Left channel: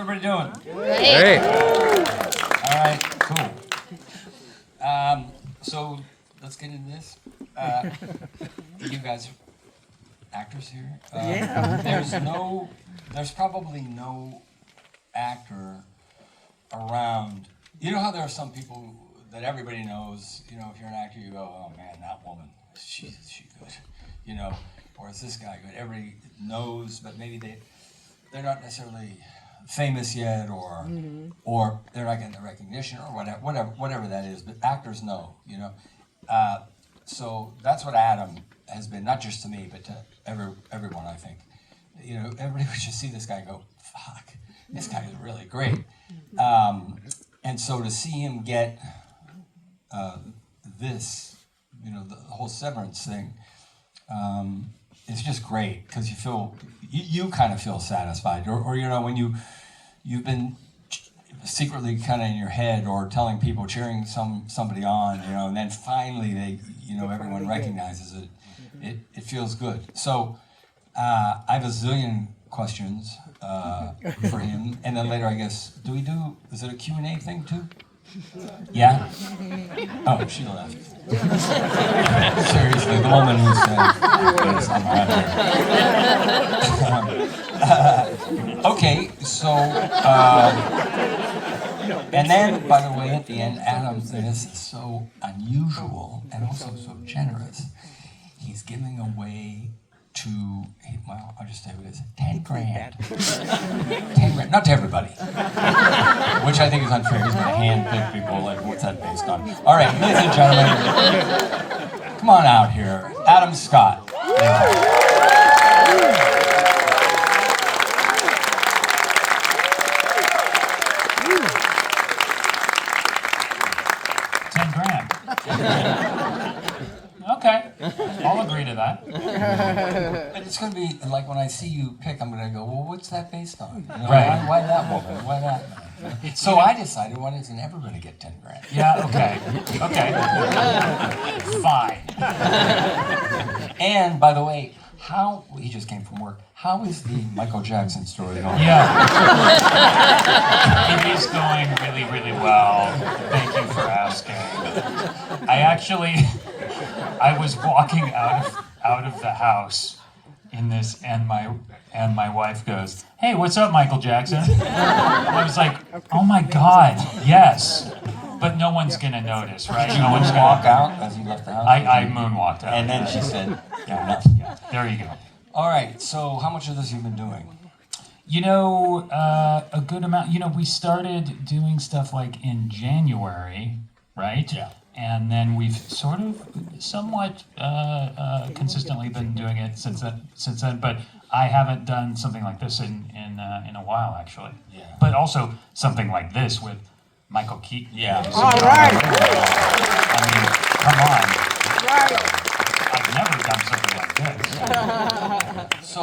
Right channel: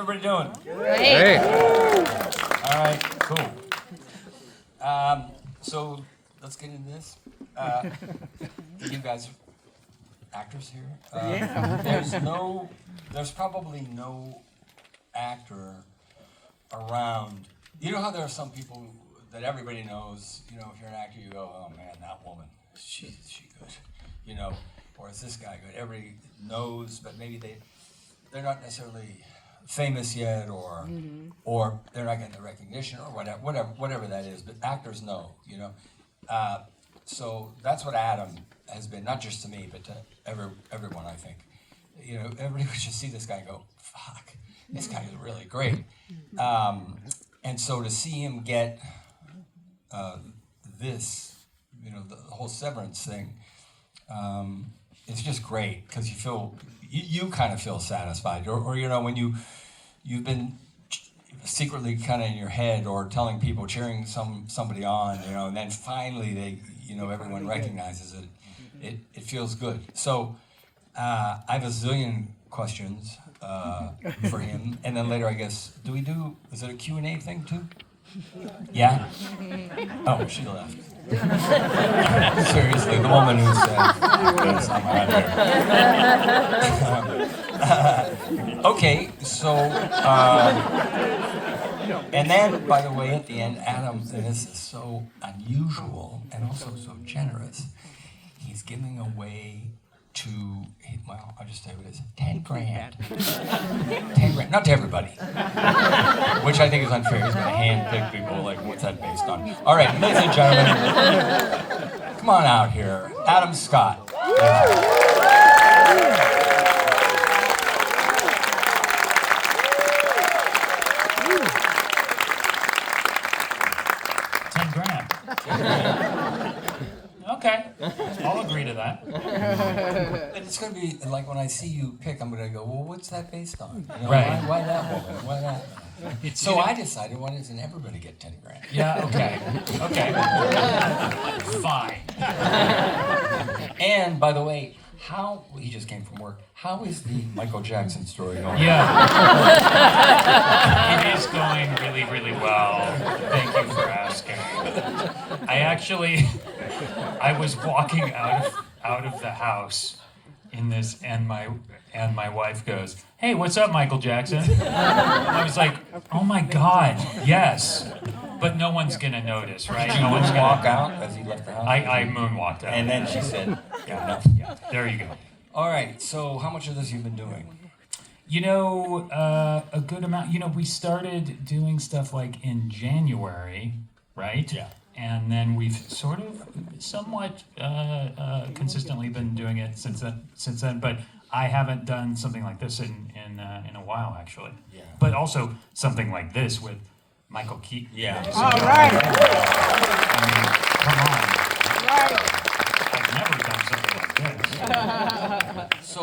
everybody doing? Hey. All right, cool. So let's get into this. You guys are actors here. There's probably no actor around. You know how there are some people that everybody knows, you know, if you're an actor, you go, oh man, that woman, is she good? You know, or is this guy good? Everybody knows, but maybe they're not necessarily famous yet, or they're not getting the recognition, or whatever that is. But actors know, you know. So that's what Adam has been, not just to me, but to everyone, I think. You know, everybody would just see this guy and go, fuck, this guy is really great. And so to see him get this, you know, the whole Severance thing, it's just great, because you kind of feel satisfied, or you know, when you've been secretly kind of in your head or telling people, cheering somebody on, you know, and then finally everyone recognizes it. It feels good. So I have a zillion questions for him, and then later, I guess, is it a Q&A thing too? Yeah? Oh, she left. Seriously, the woman who said, yes, I'm out here. Okay, so, and then, by the way, at the end, Adam, this is so unusual and also so generous. He's giving away I'll just tell you what it is, 10 grand. 10 grand, not to everybody, which I think is unfair. He's going to hand-pick people, like, what's that based on? All right, ladies and gentlemen, come on out here. Adam Scott. Okay, I'll agree to that. And it's going to be like when I see you pick, I'm going to go, well, what's that based on? You know, Right. Why that woman? Why that man? So I decided, why doesn't everybody get 10 grand? Yeah, okay. Fine. And by the way, he just came from work. How is the Michael Jackson story going? Yeah. It is going really, really well. Thank you for asking. I was walking out of the house in this, and my wife goes, "Hey, what's up, Michael Jackson?" I was like, "Oh my God, yes." But no one's gonna notice, right? Did you No one's gonna walk out as you left the house? I moonwalked out. And then she said, Yeah, there you go. all right, so how much of this you've been doing? You know, a good amount. You know, we started doing stuff like in January, right? Yeah. And then we've sort of somewhat consistently been doing it since then. But I haven't done something like this in a while, actually. Yeah. But also something like this with Michael Keaton. Yeah. All right. I mean, come on. I've never done something like this. So,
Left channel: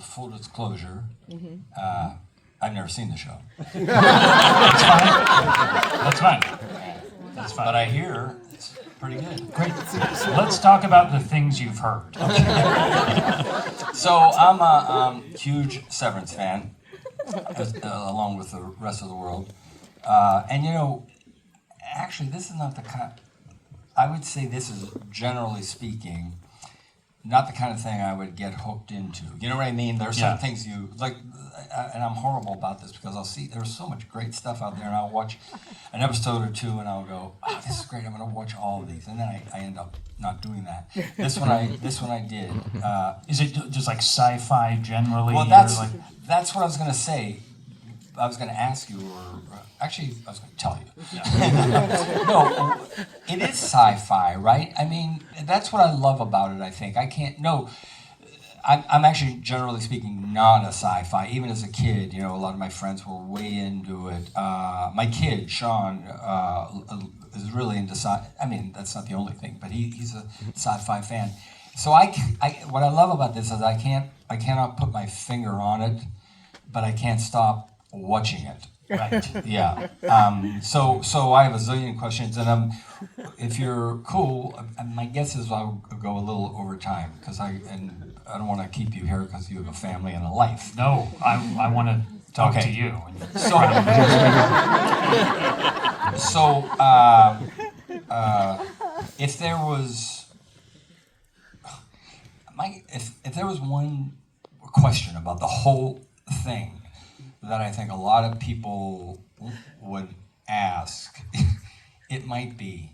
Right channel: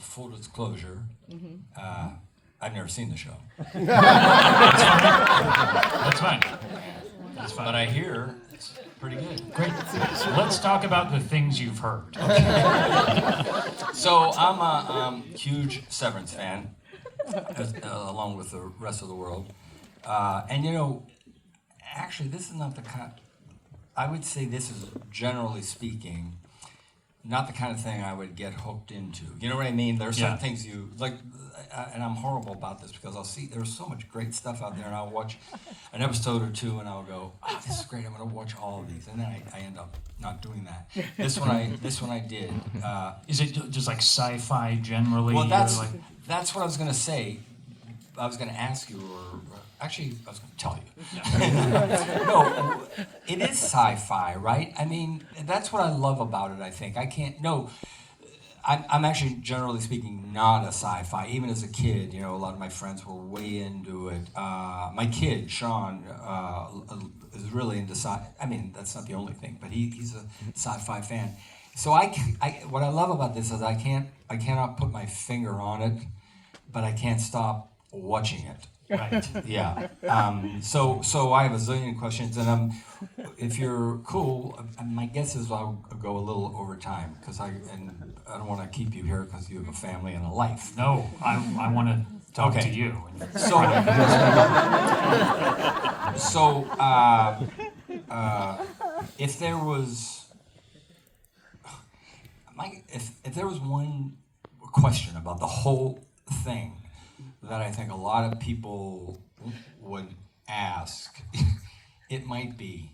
full disclosure, I've never seen the show. That's fine. But I hear it's pretty good. Great. Let's talk about the things you've heard. So I'm a huge Severance fan, along with the rest of the world. And you know, actually, this is not the kind. I would say this is, generally speaking, not the kind of thing I would get hooked into. You know what I mean? There are some things you like, and I'm horrible about this because I'll see there's so much great stuff out there, and I'll watch an episode or two, and I'll go, "Oh, this is great! I'm going to watch all of these," and then I end up not doing that. This one I did. Is it just like sci-fi generally? Well, or that's what I was going to say. I was going to ask you, or actually, I was going to tell you. No, it is sci-fi, right? I mean, that's what I love about it, I think. I'm actually, generally speaking, not a sci-fi. Even as a kid, you know, a lot of my friends were way into it. My kid, Sean, is really into sci-fi. I mean, that's not the only thing, but he's a sci-fi fan. So what I love about this is I cannot put my finger on it, but I can't stop watching it. Right. Yeah. So I have a zillion questions, and if you're cool, my guess is I'll go a little over time because I don't want to keep you here because you have a family and a life. No, I want to talk Okay. to you. So, if there was, if there was one question about the whole thing that I think a lot of people would ask, it might be,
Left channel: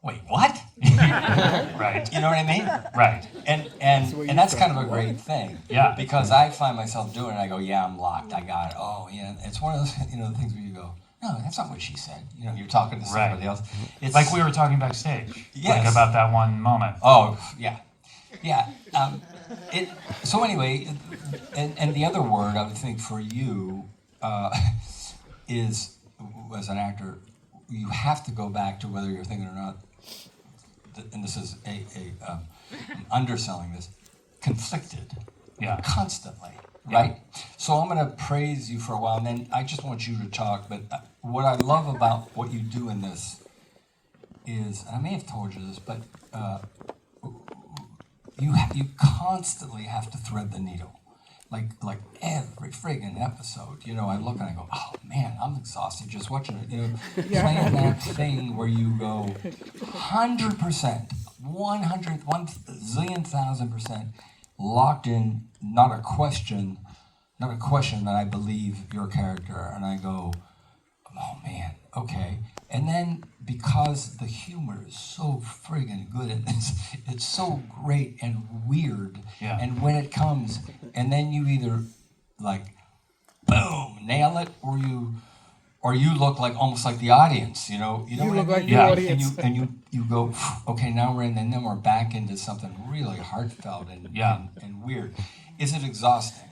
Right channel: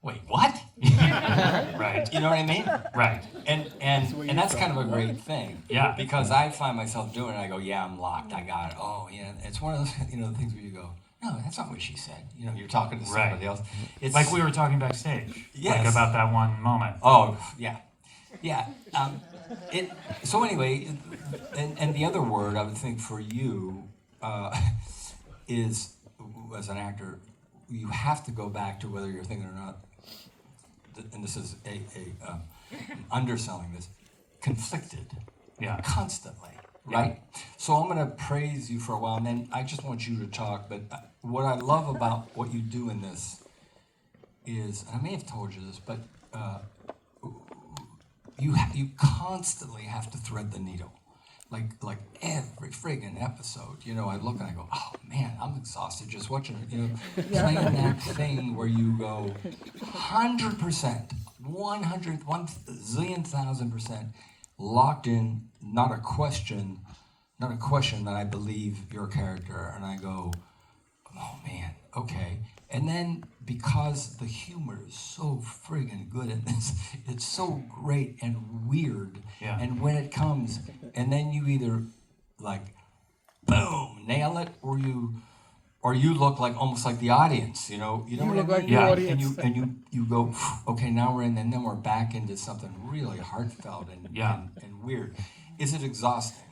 wait, what? Right. You know what I mean? Right. And that's kind of a great thing. Yeah. Because I find myself doing it, I go, yeah, I'm locked, I got it. Oh, yeah. It's one of those, the things where you go, no, that's not what she said. You're talking to somebody else. It's Like we were talking backstage. Yes. Like about that one moment. Oh, yeah. Yeah. So anyway, and the other word I would think for you is, as an actor, you have to go back to whether you're thinking or not, and this is I'm underselling this, conflicted. Yeah. Constantly, right? So I'm going to praise you for a while, and then I just want you to talk, but what I love about what you do in this is, and I may have told you this, but you constantly have to thread the needle. Like every friggin' episode, I look and I go, oh man, I'm exhausted just watching it. Playing that thing where you go 100%, 1,000,000% locked in, not a question that I believe your character, and I go, oh man, okay. And then because the humor is so friggin' good in this, it's so great and weird. Yeah. And when it comes, and then you either like, boom, nail it, or you look like almost like the audience. You know what I look mean? like the Yeah. audience. And you go, okay, now we're in, and then we're back into something really heartfelt and weird. Is it exhausting?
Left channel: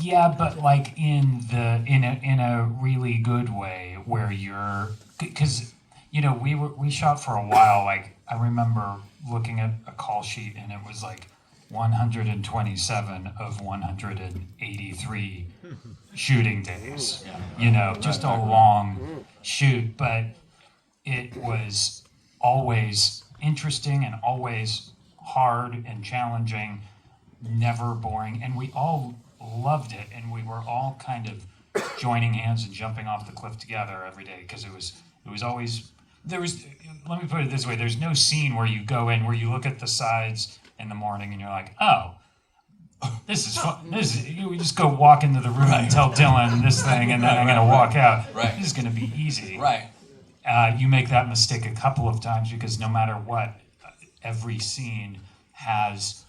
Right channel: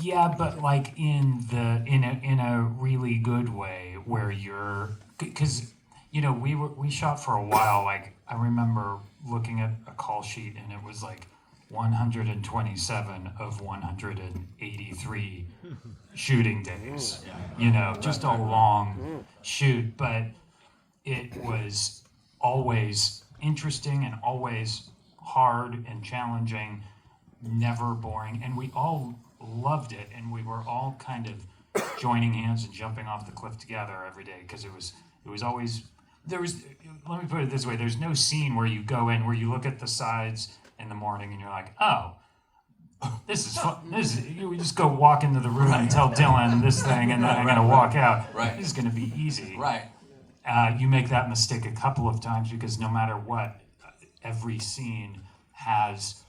Yeah, but like in a really good way where you're, because we shot for a while. Like I remember looking at a call sheet and it was like 127 of 183 shooting days. Just a long shoot, but it was always interesting and always hard and challenging, never boring, and we all loved it, and we were all kind of joining hands and jumping off the cliff together every day because it was always let me put it this way, there's no scene where you go in where you look at the sides in the morning and you're like, oh, this is fun. We just go walk into the room and tell Dylan this thing, and then I'm going to walk out. Right. This is going to be easy. Right. You make that mistake a couple of times because no matter what, every scene has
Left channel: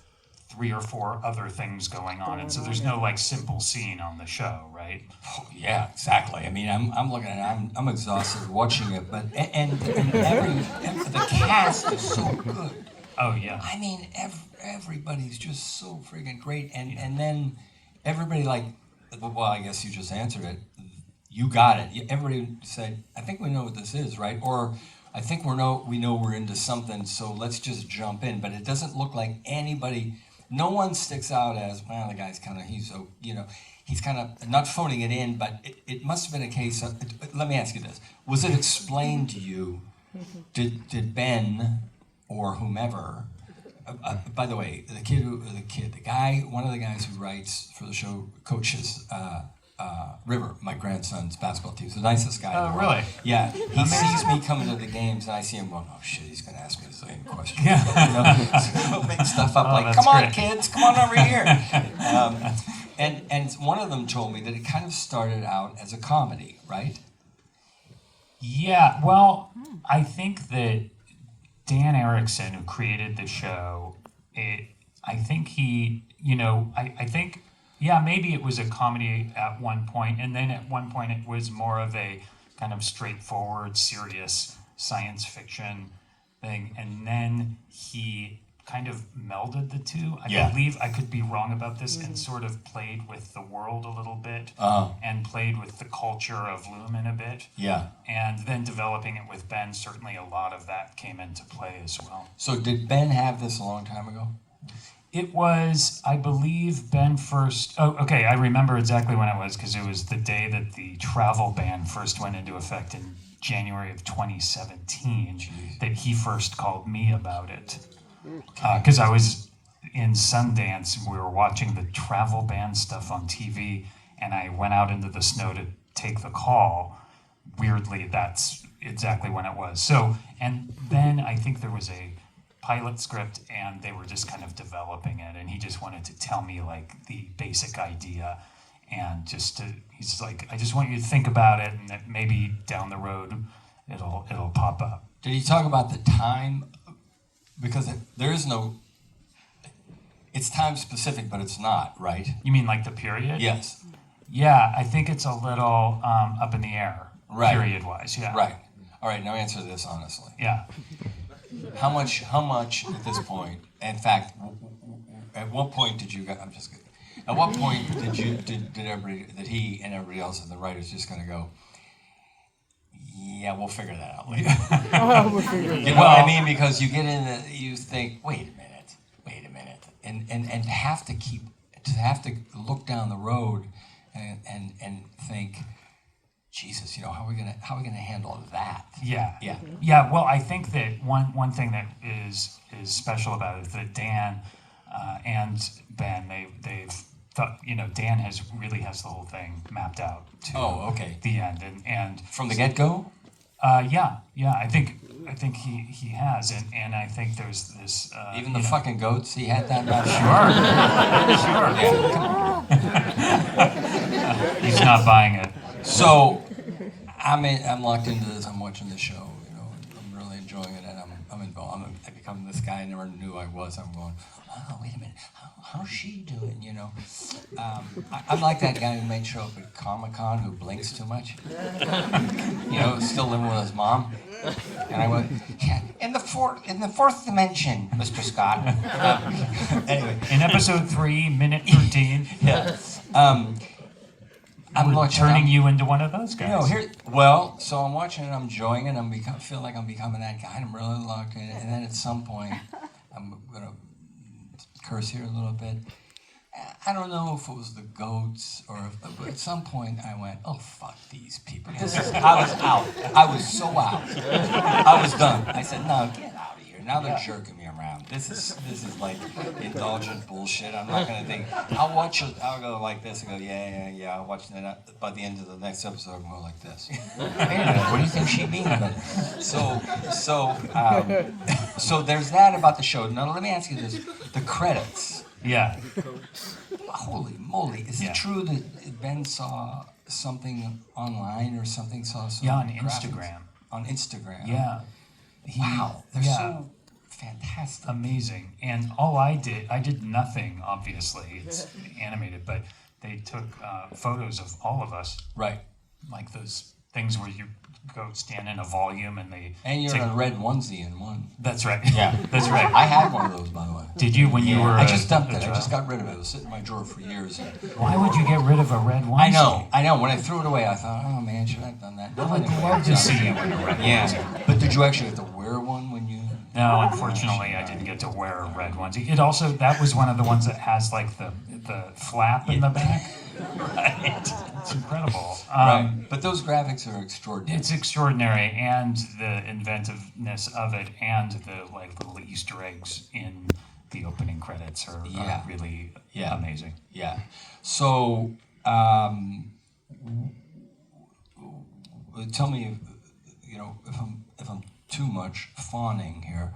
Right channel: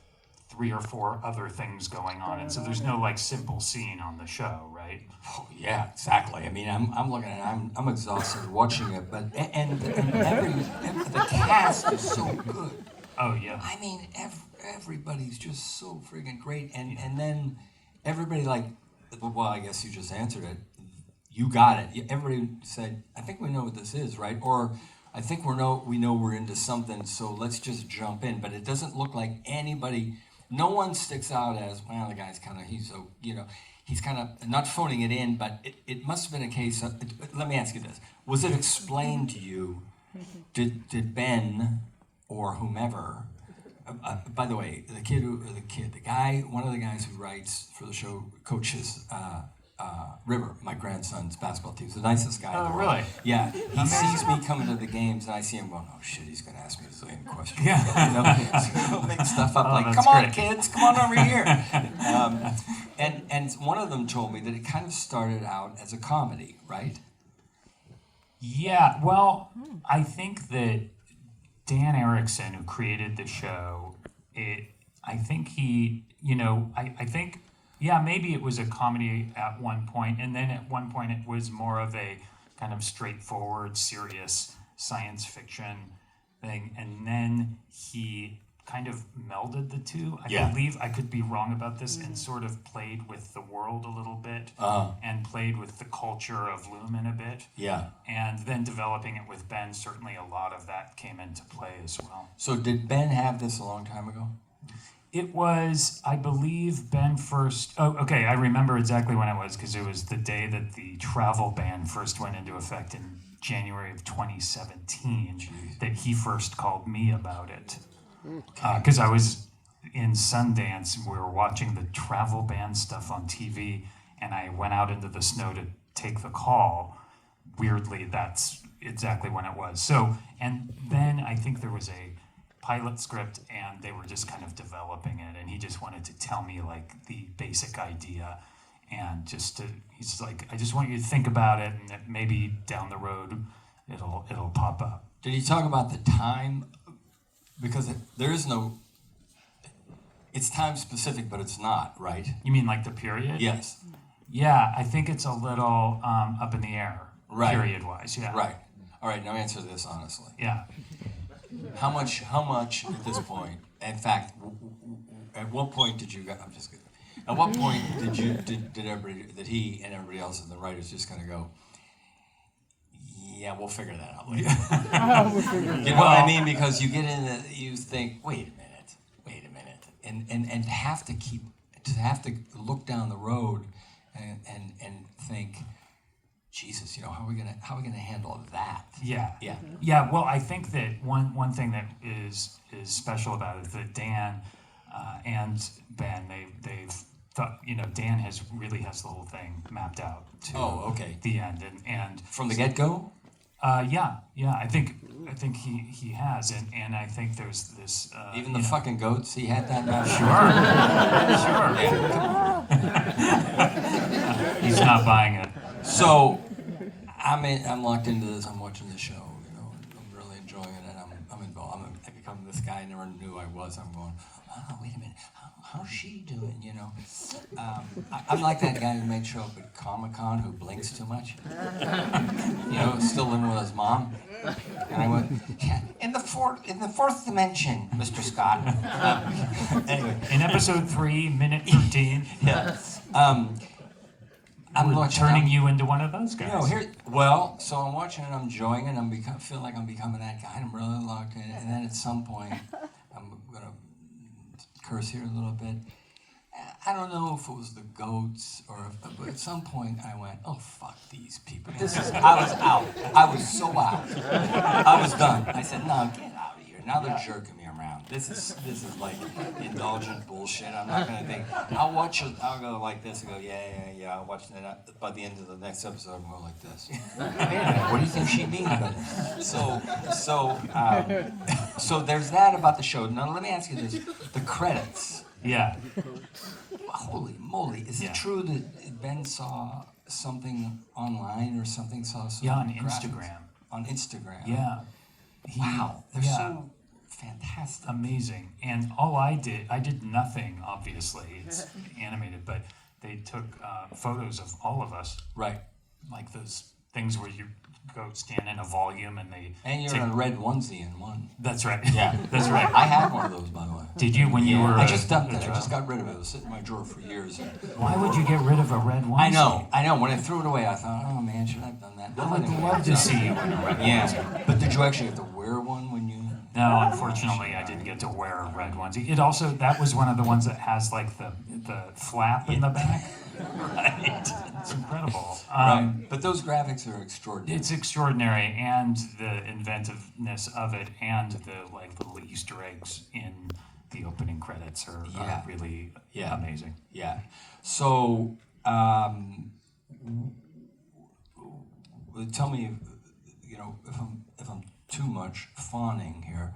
3 or 4 other things going on, and so there's no like simple scene on the show, right? Oh, yeah, exactly. I mean, I'm looking at it, I'm exhausted watching it, but and the cast is so good. Oh yeah. I mean, everybody's just so friggin' great, and then everybody like, well, I guess you just answered it. You got it. Everybody said, I think we know what this is, right? Or I think we know we're into something, so let's just jump in. But it doesn't look like anybody. No one sticks out as, well, the guy's kind of, he's kind of not phoning it in, but it must have been a case of, let me ask you this. Was it explained to you, did Ben or whomever, by the way, one of the guys who writes for the show, coaches River, my grandson's basketball team, he's the nicest guy in the world. Really? Yeah, he sees me coming to the games, and I see him going, oh shit, he's going to ask me the same question. Yeah. So make stuff up like, that's come on, great. kids, come on over here. And one of them told me that it kind of started out as a comedy, right? Yeah, well, I think that Dan Erickson, who created the show, I think he, I think, yeah, maybe it was a comedy at one point, and then at one point it was more of a kind of straightforward, serious science fiction thing, and then he kind of melded the two. I believe, I could be wrong about this, and sort of played with the world a little bit, and played with the culture of Lumen a bit. Yeah. And then developing it with Ben, certainly a lot of that came into play as well. So did Ben have this a long time ago? It was, I believe, Ben first. Oh, okay. I remember exactly when it was because it was the day that the travel ban first went into effect in January of 2017. Jeez. That he first called me about it because I was in Sundance. We were watching the travel ban stuff on TV, and I went out into the snow to take the call. Weirdly, that's exactly when it was. So, and then I think there was a pilot script and they were just kind of developing it, and he just wanted to tell me like the basic idea, and he's like, I just want you to think about it, and that maybe down the road it'll pop up. Did he talk about the time? Because there is no, it's time specific, but it's not, right? You mean like the period? Yes. Yeah, I think it's a little up in the air, Right. period wise. Yeah. Right. All right, now answer this honestly. Yeah. How much at this point, in fact, at what point did you, I'm just kidding. At what point did he and everybody else in the writers just kind of go, yeah, we'll figure that out later. You know what I mean? Because you get in it, you think, wait a minute, and have to look down the road and think, Jesus, how are we gonna handle that? Yeah. Yeah. Yeah. Well, I think that one thing that is special about it is that Dan and Ben, they've thought, Dan has the whole thing mapped out to okay. the end, and From the get-go? yeah, I think he has, and I think there's this Even the fucking goats, he had that about sure. He's not buying it. So I'm locked into this. I'm watching the show. I'm really enjoying it, and I'm involved. I become this guy I never knew I was. I'm going, oh, wait a minute, how's she doing? I'm like that guy who might show up at Comic-Con who blinks too much. Still living with his mom. And I went, yeah, in the fourth dimension, Mr. Scott. Anyway, in episode 3, minute 13. Yeah. I'm turning you into one of those guys. So I'm watching it, I'm enjoying it, I feel like I'm becoming that guy, and I'm really locked in it, and then at some point, I'm gonna curse here a little bit. I don't know if it was the goats but at some point I went, oh fuck these people. I was out. I was so out. I was done. I said, no, get out of here. Now they're jerking me around. This is like indulgent bullshit. I'm not gonna think. I'll watch it. I'll go like this and go, yeah. I'll watch that. By the end of the next episode, I'm going like this. Wait a minute. What do you think she means? So there's that about the show. Now let me ask you this: the credits. Yeah. Holy moly! Is it true that Ben saw something online or something? On Instagram. On Instagram. Yeah. Wow, they're so fantastic. Amazing. And all I did nothing, obviously. It's animated, but they took photos of all of us. Right. Like those things where you go stand in a volume and they... And you're in a red onesie in one. That's right. Yeah. That's right. I had one of those, by the way. Did you when you were... I just dumped it. I just got rid of it. It was sitting in my drawer for years. Why would you get rid of a red onesie? I know. When I threw it away, I thought, oh man, should I have done that? I would love to see you in a red onesie. But did you actually have to wear one when you... No, unfortunately, I didn't get to wear a red onesie. It also, that was one of the ones that has like the flap in the back. Right. It's incredible. Right. But those graphics are extraordinary. It's extraordinary, and the inventiveness of it, and the little Easter eggs in the opening credits are really amazing. Yeah. So, tell me, if I'm too much fawning here.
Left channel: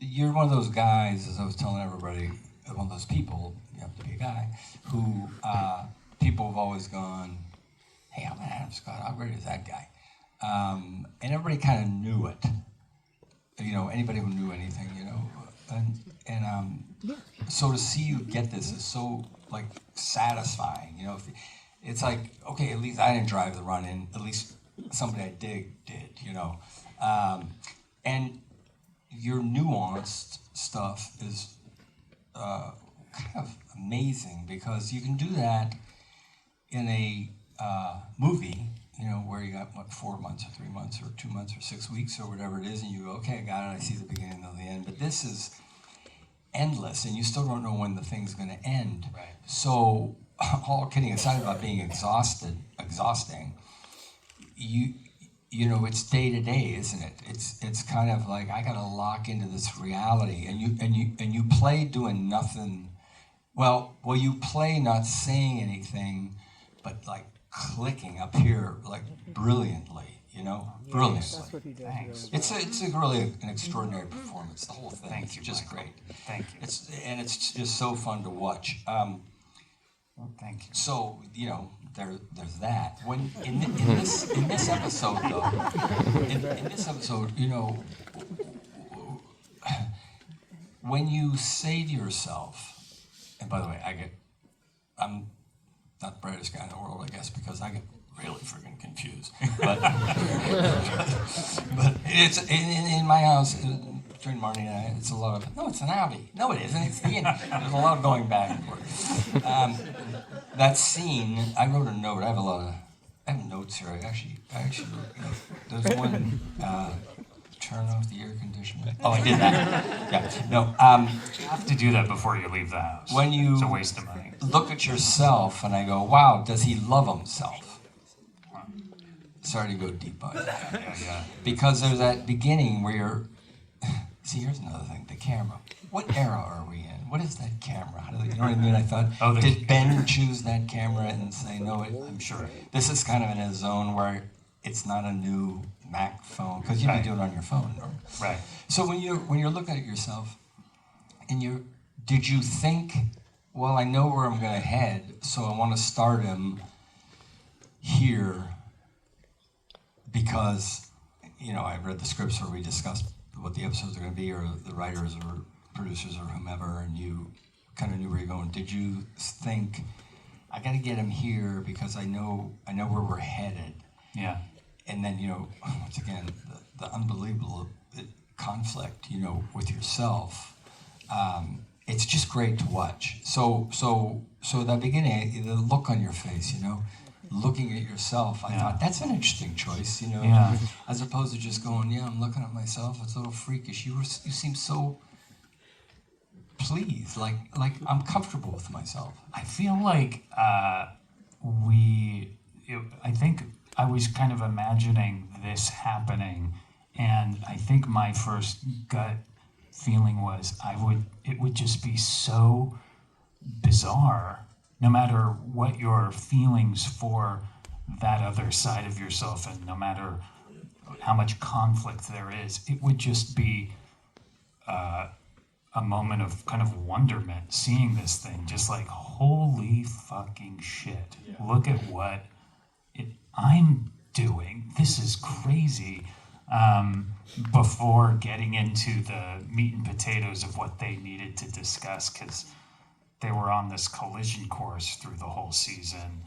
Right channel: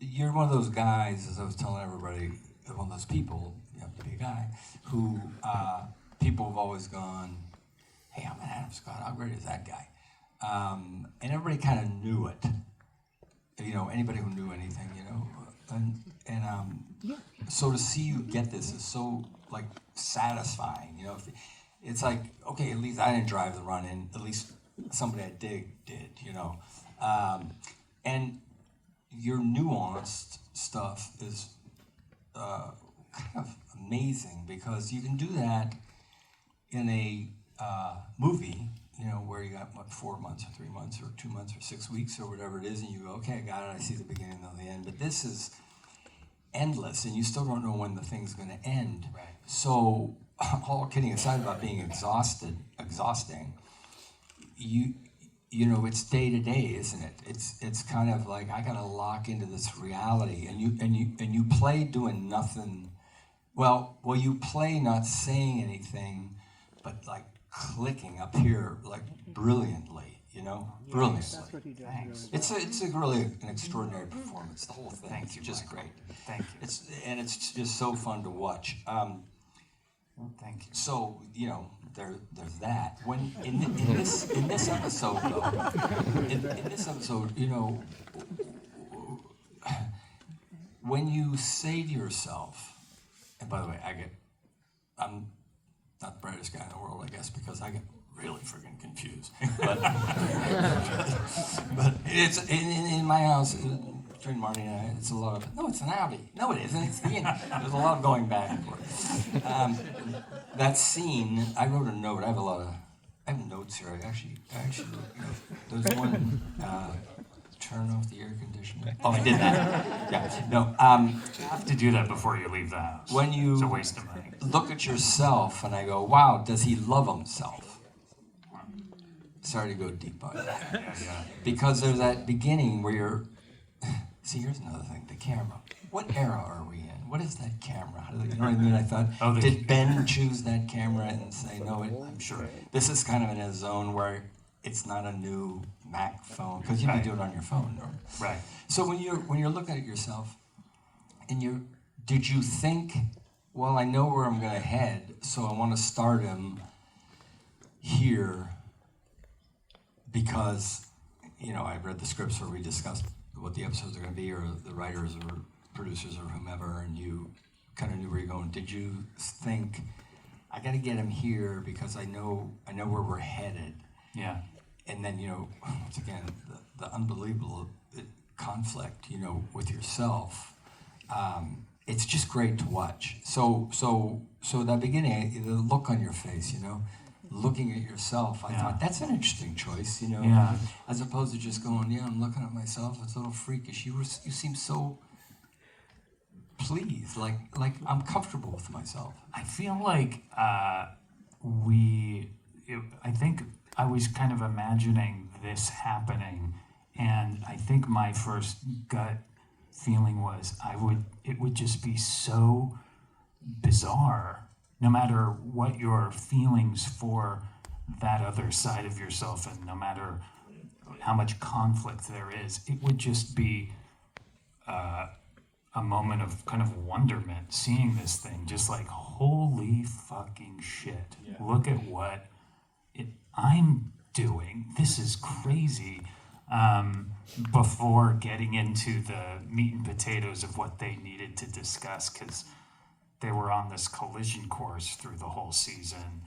You're one of those guys, as I was telling everybody, one of those people. You have to be a guy who people have always gone, hey, I'm Adam Scott. How great is that guy? And everybody kind of knew it. Anybody who knew anything, and so to see you get this is so satisfying. It's like, okay, at least I didn't drive the run-in. At least somebody I did. And your nuanced stuff is kind of amazing because you can do that in a movie, where you got 4 months or 3 months or 2 months or 6 weeks or whatever it is, and you go, okay, I got it. I see the beginning and the end. But this is, endless, and you still don't know when the thing's going to end. Right. So, all kidding aside about being exhausting, you know, it's day to day, isn't it? It's kind of like I gotta lock into this reality, and you play doing nothing. Well, you play not saying anything, but like clicking up here, like brilliantly, you know, brilliantly. That's what he does. Thanks. Really It's a really an extraordinary performance. The whole thing. Thank It's you, just Michael. great. Thank you. It's just so fun to watch. Thank you. So you know, there's that. When in this episode though, in this episode, you know, when you say to yourself, and by the way, I'm not the brightest guy in the world, I guess, because I get really freaking confused. But but it's in my house. Between Marty and I, it's a lot of, no, it's an Audi. No, it isn't. It's the, there's a lot of going back and forth. That scene, I wrote a note. I have notes here. I actually there's one, turn off the air conditioner. Oh, I did that. Yeah, no. You have to do that before you leave the house. When you it's a waste of money. look at yourself and I go, wow, does he love himself? Sorry to go deep on that. Yeah. Because there's that beginning where you're, see, here's another thing, the camera. What era are we in? What is that camera? How do they, you know what I mean? I thought, did Ben choose that camera and say, no, I'm sure. This is kind of in a zone where it's not a new Mac phone, because you can do it on your phone. Right. So when you're looking at yourself, and did you think, well, I know where I'm going to head, so I want to start him here because, you know, I read the scripts where we discussed what the episodes are going to be, or the writers or producers or whomever, and you kind of knew where you're going. Did you think, I got to get him here because I know where we're headed? Yeah. And then, you know, once again, the unbelievable conflict, you know, with yourself. It's just great to watch. So that beginning, the look on your face, you know, looking at yourself, I thought that's an interesting choice, you know, as opposed to just going, I'm looking at myself. It's a little freakish. You seem so pleased, like I'm comfortable with myself. I feel like I think I was kind of imagining this happening, and I think my first gut feeling was it would just be so bizarre, no matter what your feelings for that other side of yourself, and no matter how much conflict there is, it would just be a moment of kind of wonderment seeing this thing, just like, holy fucking shit, look at what I'm doing. This is crazy. Before getting into the meat and potatoes of what they needed to discuss, because they were on this collision course through the whole season.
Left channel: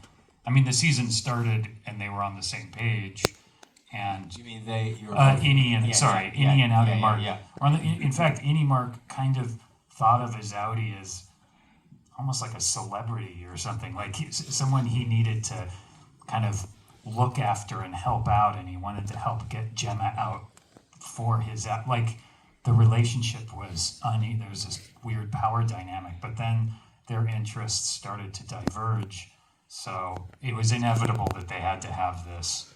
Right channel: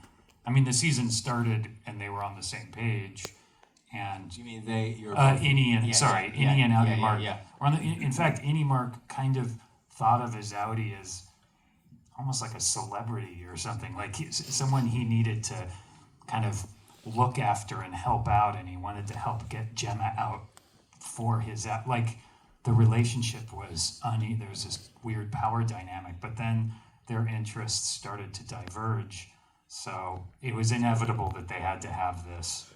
I mean, the season started and they were on the same page. And You mean they? Innie and Innie and Audi Mark. Yeah. In fact, Innie Mark kind of thought of his Audi as almost like a celebrity or something, like someone he needed to kind of look after and help out, and he wanted to help get Gemma out for his like the relationship was there was this weird power dynamic, but then their interests started to diverge, so it was inevitable that they had to have this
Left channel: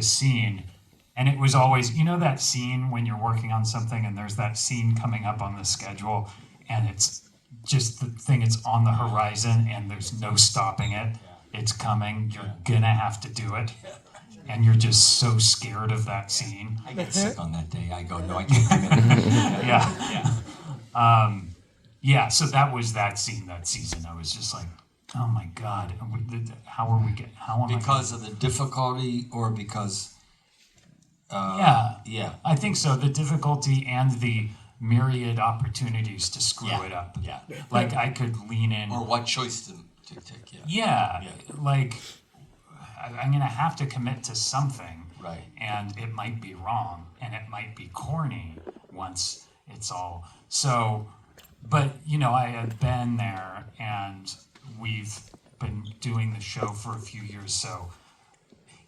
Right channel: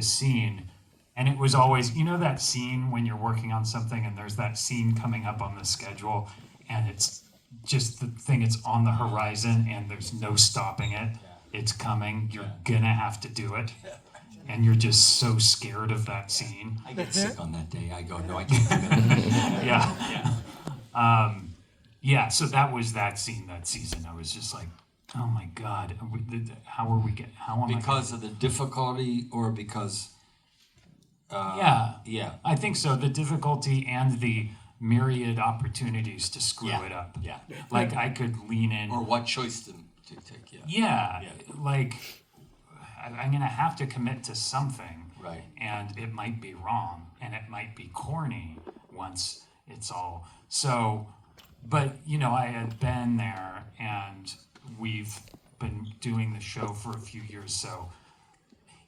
scene. And it was always, you know, that scene when you're working on something and there's that scene coming up on the schedule and it's just the thing, it's on the horizon and there's no stopping it. It's coming, you're gonna have to do it. And you're just so scared of that scene. I get sick on that day. I go, no, I can't commit. So that was that scene, that season. I was just like, oh my God, how are we getting, Because of the difficulty or because... I think so. The difficulty and the myriad opportunities to screw it up. Yeah. Like I could lean in. Or what choice to take, Like I'm going to have to commit to something. Right. And it might be wrong and it might be corny once it's all. So, but you know, I had been there and we've been doing the show for a few years. So,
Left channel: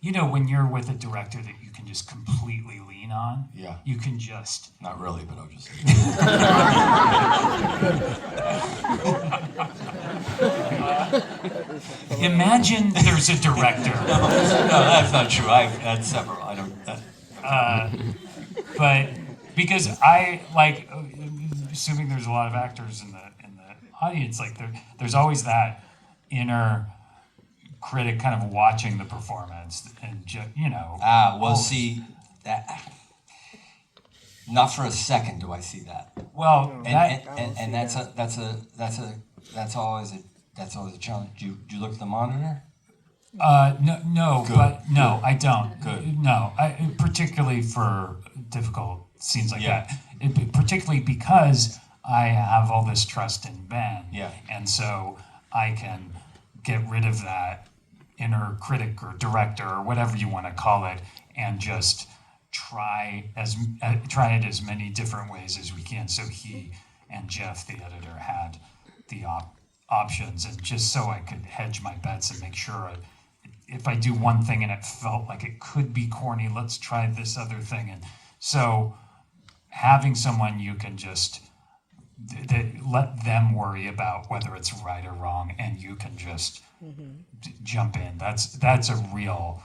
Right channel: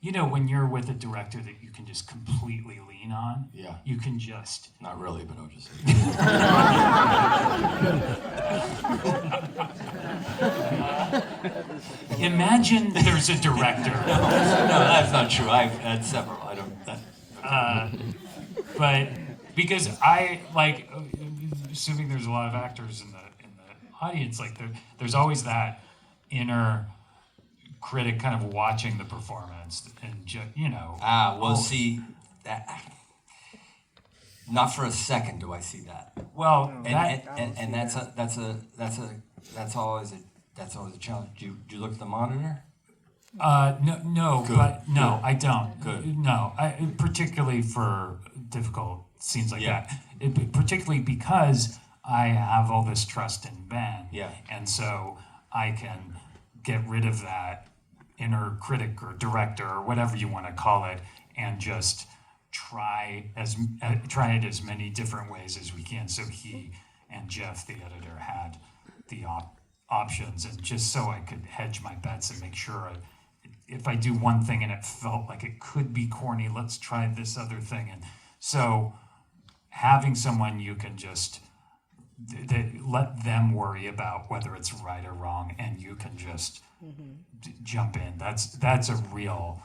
you know, when you're with a director that you can just completely lean on, Yeah. you can just. Not really, but I'm just. Imagine there's a director. No, that's not true. I've had several. I don't. But because I like, assuming there's a lot of actors in the audience, like there's always that inner critic kind of watching the performance, and you know. See that. Not for a second do I see that. Well, And that's always a challenge. Do you look at the monitor? No, Good, but no, good, I don't. good. No, particularly for difficult scenes like Yeah. that. Particularly because I have all this trust in Ben. Yeah. And so I can get rid of that inner critic or director or whatever you want to call it, and just try it as many different ways as we can. So he and Jeff, the editor, had the options, and just so I could hedge my bets and make sure if I do one thing and it felt like it could be corny, let's try this other thing. And so having someone you can just let them worry about whether it's right or wrong, and you can just jump in. That's a real.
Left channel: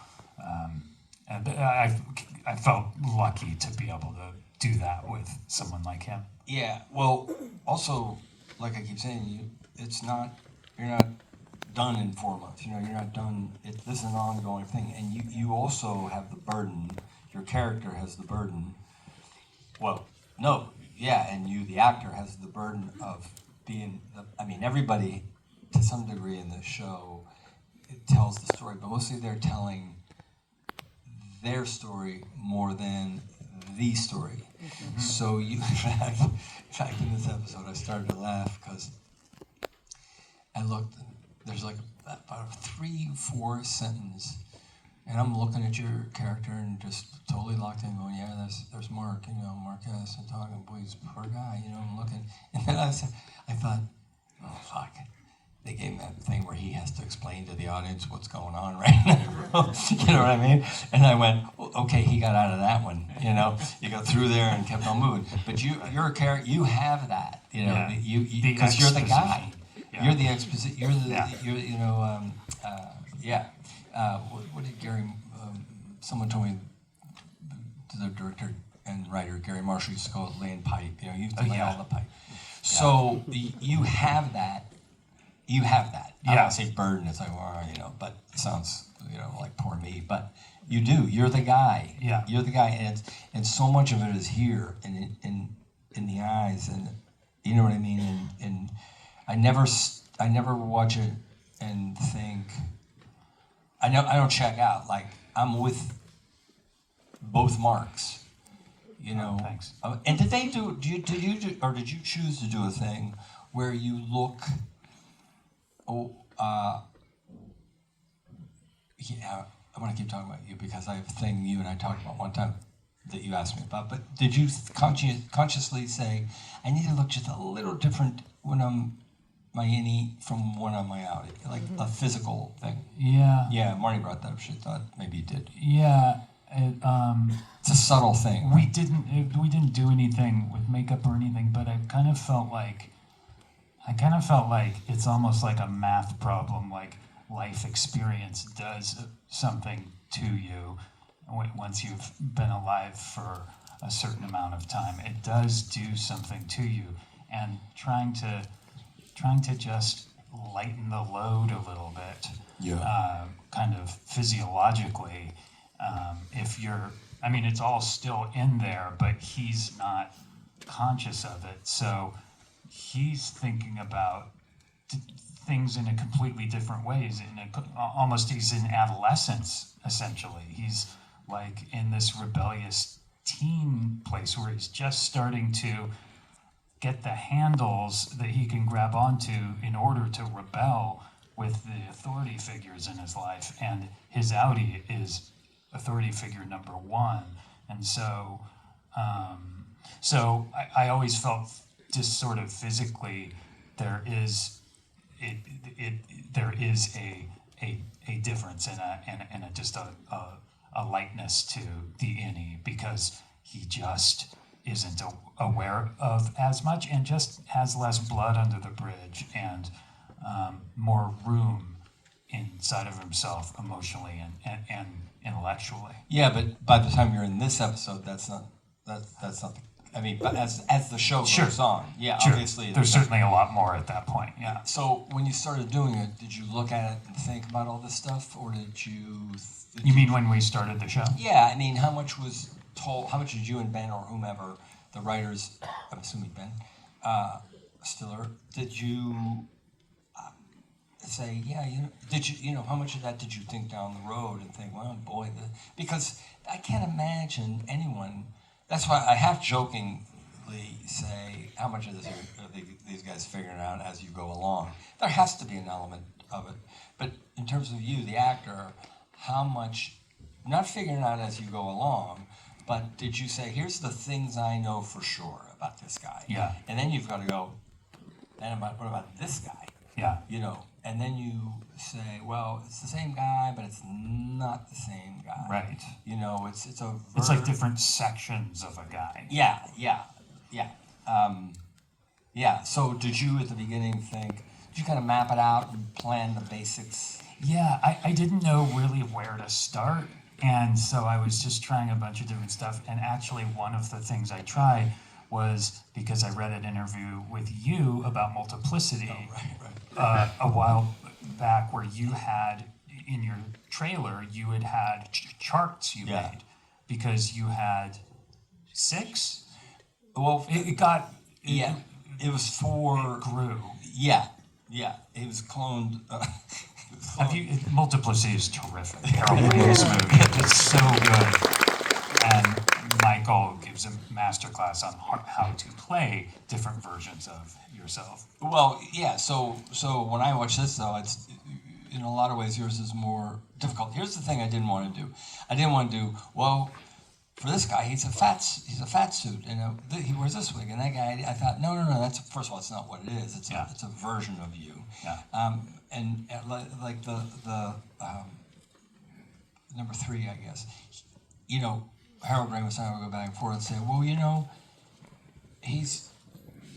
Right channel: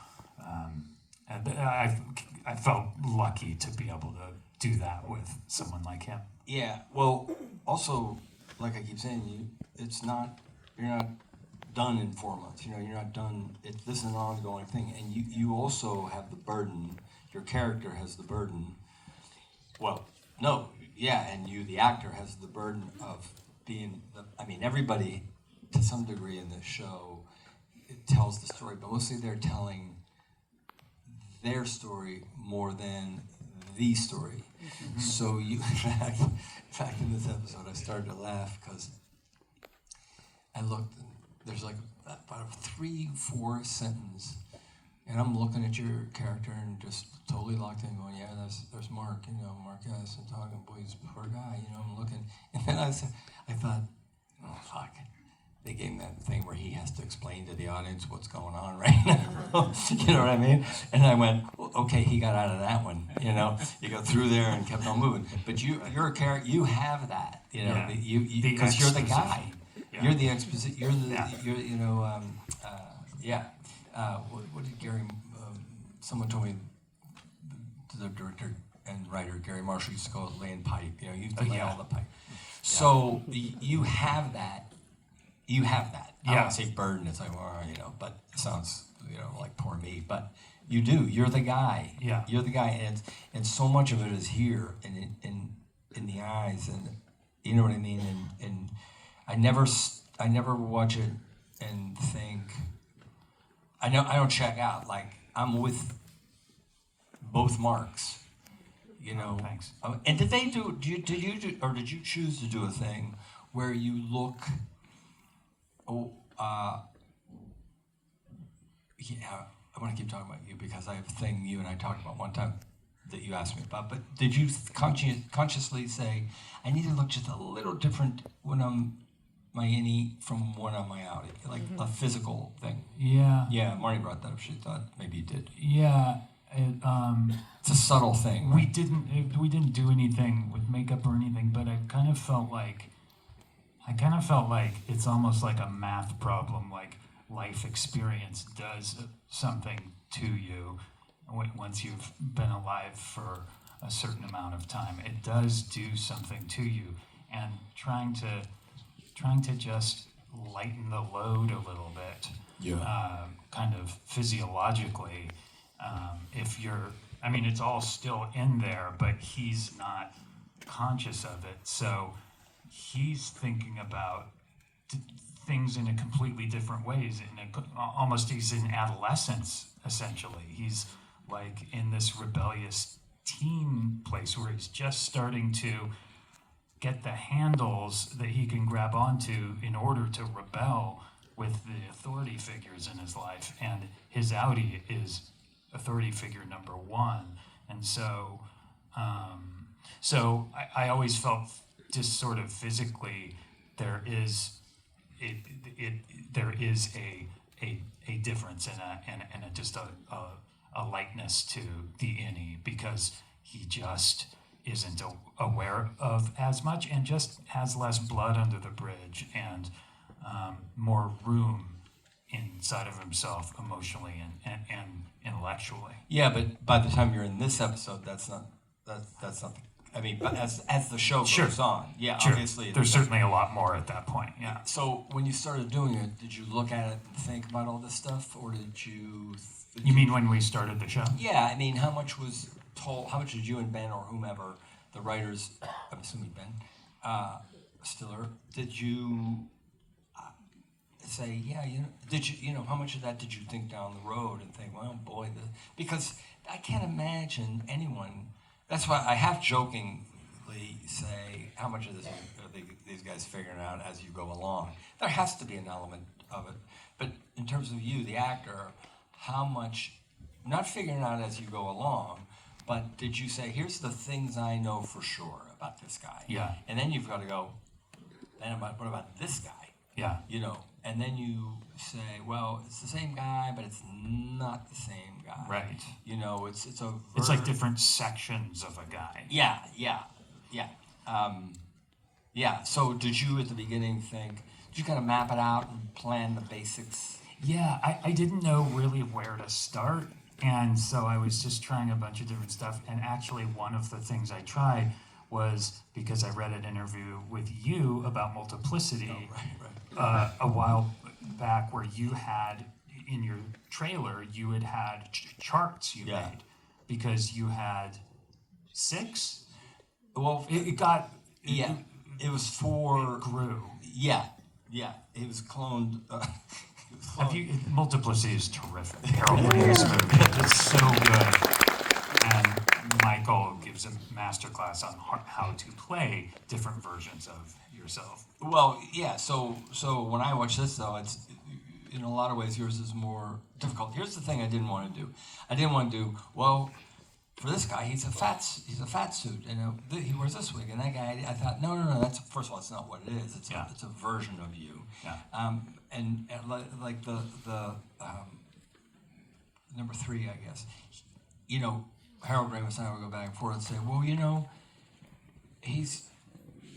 And I felt lucky to be able to do that with someone like him. Yeah. Well, also, like I keep saying, you're not done in 4 months. You know, you're not done. This is an ongoing thing, and you also have the burden. Your character has the burden. Well, no, yeah, and you, the actor, has the burden of being. Everybody, to some degree, in this show, it tells the story, but mostly they're telling their story more than the story. Mm-hmm. So you, in fact, in this episode, I started to laugh because I looked. There's like about a 3-4 sentence, and I'm looking at your character and just totally locked in, going, "Yeah, there's Mark. You know, Mark has and talking. Boy, he's a poor guy. You know, I'm looking." And then I thought, "Oh fuck." They gave him that thing where he has to explain to the audience what's going on right now. You know what I mean? And I went, well, okay, he got out of that one. You know, you go through there and kept on moving. But you're a character. You have that. You know, because you're the guy. Yeah. You're the exposition. You're the. What did Gary? Someone told me. The director and writer Gary Marshall used to call it laying pipe. You know, you lay all the pipe. So you have that. You have that. I don't say burden. It's like, well, you know, but it sounds, you know, like poor me. But you do. You're the guy. Yeah. You're the guy, and so much of it is here and in the eyes, and you know what I mean. And I never watch it and think. I don't check out. Like I'm with both Marks. You know. Thanks. And did you choose to do a thing where you look? Yeah, I want to keep talking about you because I have a thing you and I talked about one time that you asked me about. But did you consciously say, I need to look just a little different when I'm my innie from when I'm my outie? Like a physical thing? Yeah. Yeah, Marty brought that up. She thought maybe you did. Yeah. It's a subtle thing. We didn't do anything with makeup or anything, but I kind of felt like it's almost like a math problem, like life experience does something to you once you've been alive for a certain amount of time. It does do something to you, and trying to just lighten the load a little bit, kind of physiologically. It's all still in there, but he's not conscious of it, so he's thinking about things in a completely different ways. Almost he's in adolescence, essentially. He's like in this rebellious teen place where he's just starting to get the handles that he can grab onto in order to rebel with the authority figures in his life. And his outie is authority figure number one. And so I always felt just sort of physically there is a a difference and a just a lightness to the innie, because he just isn't aware of as much and just has less blood under the bridge and more room inside of himself emotionally and intellectually. Yeah, but by the time you're in this episode, that's not. I mean, but as the show goes on, yeah, Sure. obviously There's certainly a lot more at that point. Yeah. So when you started doing it, did you look at it and think about all this stuff, or did you? You mean when we started the show? Yeah, I mean, how much was told? How much did you and Ben or whomever, the writers, I'm assuming Ben, Stiller, did you say, yeah, how much of that did you think down the road and think, well, boy, because I can't imagine anyone. That's why I half jokingly say, how much of this are these guys figuring out as you go along? There has to be an element of it. But in terms of you, the actor, how much, not figuring out as you go along, but did you say, here's the things I know for sure about this guy? Yeah. And then you've got to go, then what about this guy? Yeah. And then you say, well, it's the same guy, but it's not the same guy. Right. It's like different sections of a guy. Yeah. So did you at the beginning did you kind of map it out and plan the basics? Yeah, I didn't know really where to start, and so I was just trying a bunch of different stuff. And actually, one of the things I tried was because I read an interview with you about multiplicity. Oh, right. A while back, where you had in your trailer had charts you Yeah. made because you had 6. Well, It got it was for it grew. Yeah, it was cloned. Multiplicity is terrific. Harold Williams movie. It's so good. And Michael gives a masterclass on how to play different versions of yourself. Well, yeah. So when I watch this, though, it's in a lot of ways yours is more difficult. Here's the thing: I didn't want to do. I didn't want to do well. For this guy, he's a fat suit, and he wears this wig. And that guy, I thought, no. That's first of all, it's not what it is. It's a version of you. Yeah. And like the number 3, I guess. Harold Ramis and I would go back and forth and say, well,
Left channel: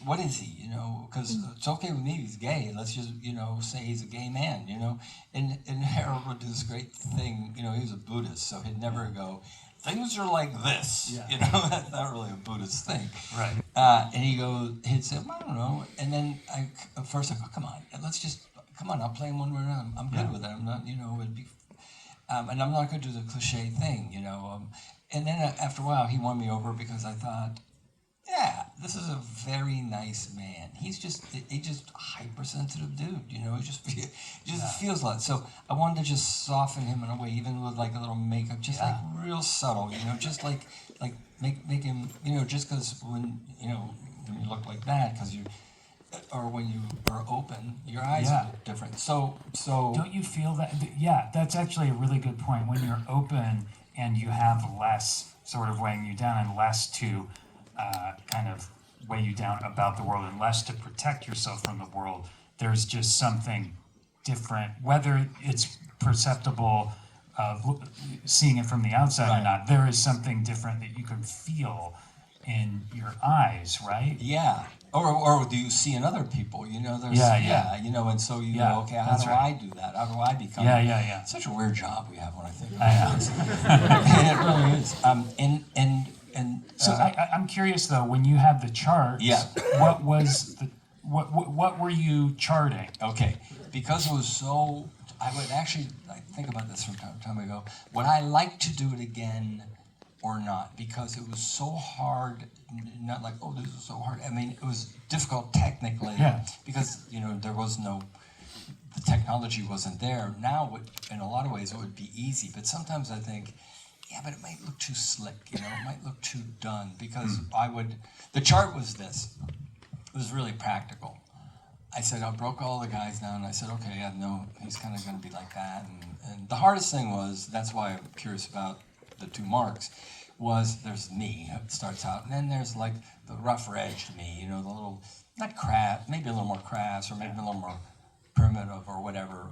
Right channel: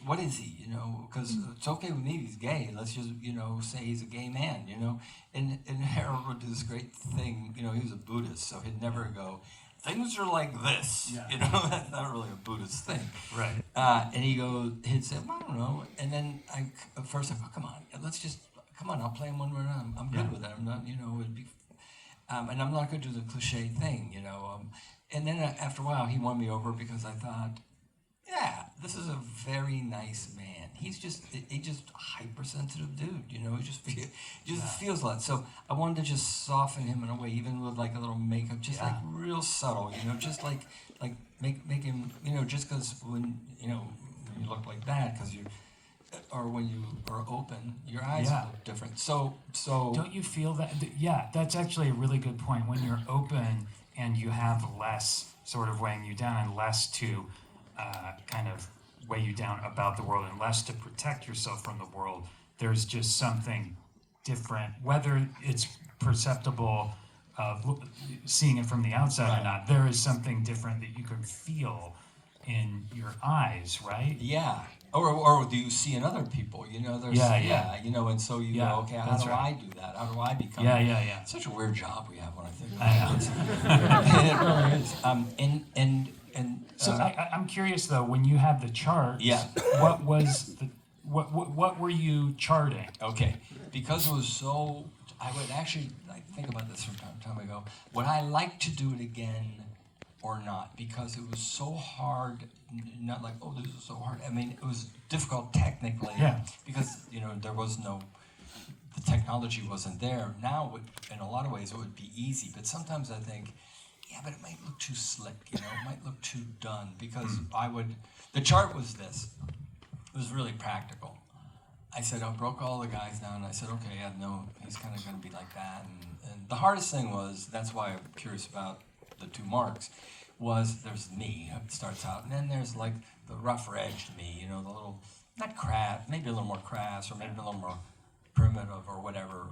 what is he? Because it's okay with me if he's gay. Let's just, say he's a gay man, And Harold would do this great thing. He was a Buddhist, so he'd never go, things are like this. Yeah. That's not really a Buddhist thing. Right. And he'd say, I don't know. And then at first I go, come on, I'll play him one more time. I'm good with it. I'm not, it'd be, and I'm not going to do the cliche thing, And then after a while, he won me over because I thought, yeah, this is a very nice man. He's just a hypersensitive dude, He just feels a lot. So I wanted to just soften him in a way, even with like a little makeup, just like real subtle, just like make him, just because when you look like that, or when you are open, your eyes look different. So don't you feel that? Yeah, that's actually a really good point. When you're open and you have less sort of weighing you down and less to kind of weigh you down about the world and less to protect yourself from the world, there's just something different, whether it's perceptible of seeing it from the outside or not. There is something different that you can feel in your eyes, right? Yeah. Or do you see in other people? There's and so go, okay, how do I do that? How do I become? Yeah. It's such a weird job we have when I think I know. it really is. So I'm curious though, when you had the chart, what were you charting? Okay, because it was so, I would actually think about this from time to time. I go, would I like to do it again or not? Because it was so hard, not like, oh, this is so hard. I mean, it was difficult technically because, there was the technology wasn't there. Now, in a lot of ways, it would be easy. But sometimes I think, yeah, but it might look too slick, it might look too done. Because the chart was this. It was really practical. I said, I broke all the guys down, and I said, okay, I know he's kind of going to be like that. And the hardest thing was, that's why I'm curious about the 2 marks, was there's me, it starts out, and then there's like the rougher-edged me, the little, not crass, maybe a little more crass, or maybe a little more primitive or whatever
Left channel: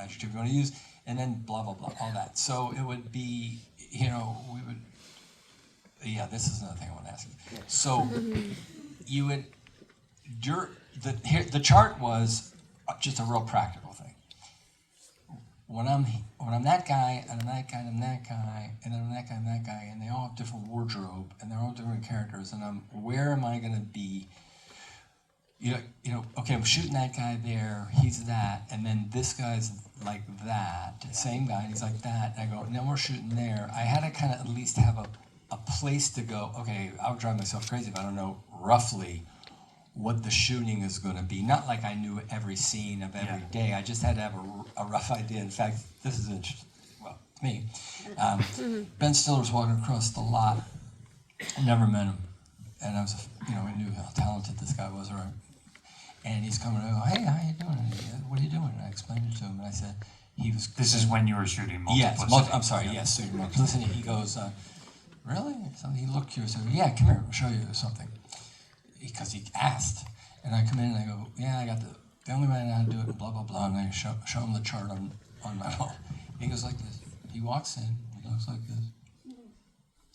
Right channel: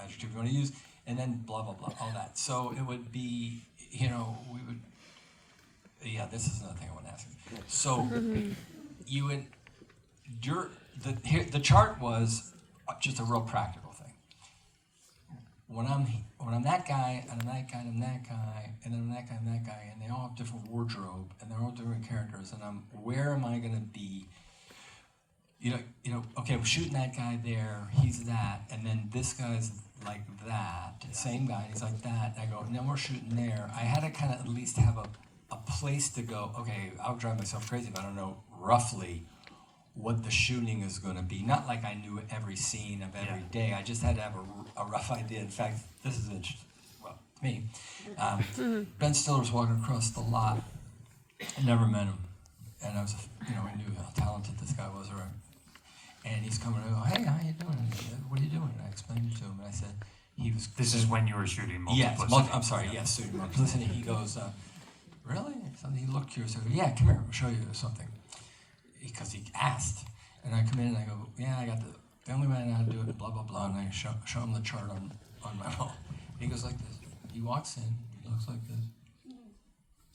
adjective you want to use, and then blah, blah, blah, all that. So it would be, we would, this is another thing I want to ask you. So you would, the chart was just a real practical thing. When I'm that guy, and I'm that guy, and I'm that guy, and then I'm that guy, and that guy, and they all have different wardrobe, and they're all different characters, and where am I going to be? Okay, I'm shooting that guy there, he's that, and then this guy's like that, same guy, he's like that, and I go, and then we're shooting there. I had to kind of at least have a place to go, okay, I'll drive myself crazy if I don't know roughly what the shooting is going to be. Not like I knew every scene of every day. I just had to have a rough idea. In fact, this is interesting. Well, me. Ben Stiller's walking across the lot. I never met him. And I was, I knew how talented this guy was, right? And he's coming and I go, hey, how you doing? What are you doing? And I explained it to him. And I said, This is when you were shooting Multiplicity. Yes, I'm sorry, yes, shooting Multiplicity. He goes, really? He looked curious. I go, yeah, come here, I'll show you something. Because he asked, and I come in and I go, yeah, I got the only way I know how to do it, blah, blah, blah, and I show him the chart on my phone. He goes like this. He walks in, he looks like this.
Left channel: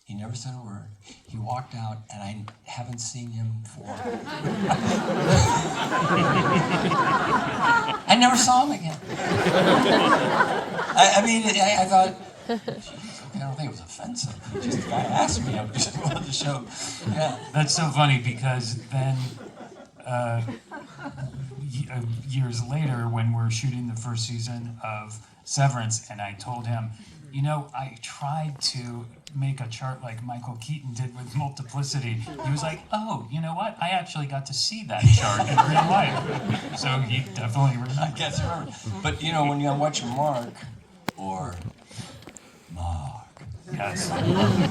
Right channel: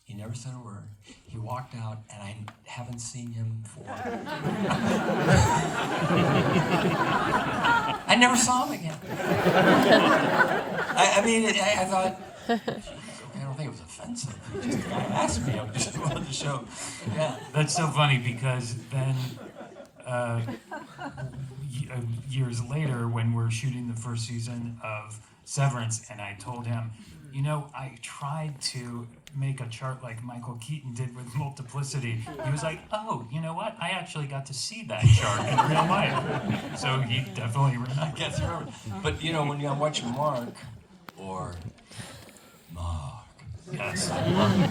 He never said a word. He walked out, and I haven't seen him for... I never saw him again. I thought... I don't think it was offensive. The guy asked me. I just wanted to show. Yeah. That's so funny because then years later, when we're shooting the first season of Severance, and I told him, I tried to make a chart like Michael Keaton did with Multiplicity. He was like, oh, you know what? I actually got to see that chart in real life. So he definitely remembered. I guess you're right. But when I'm watching Mark or Mark. Yes.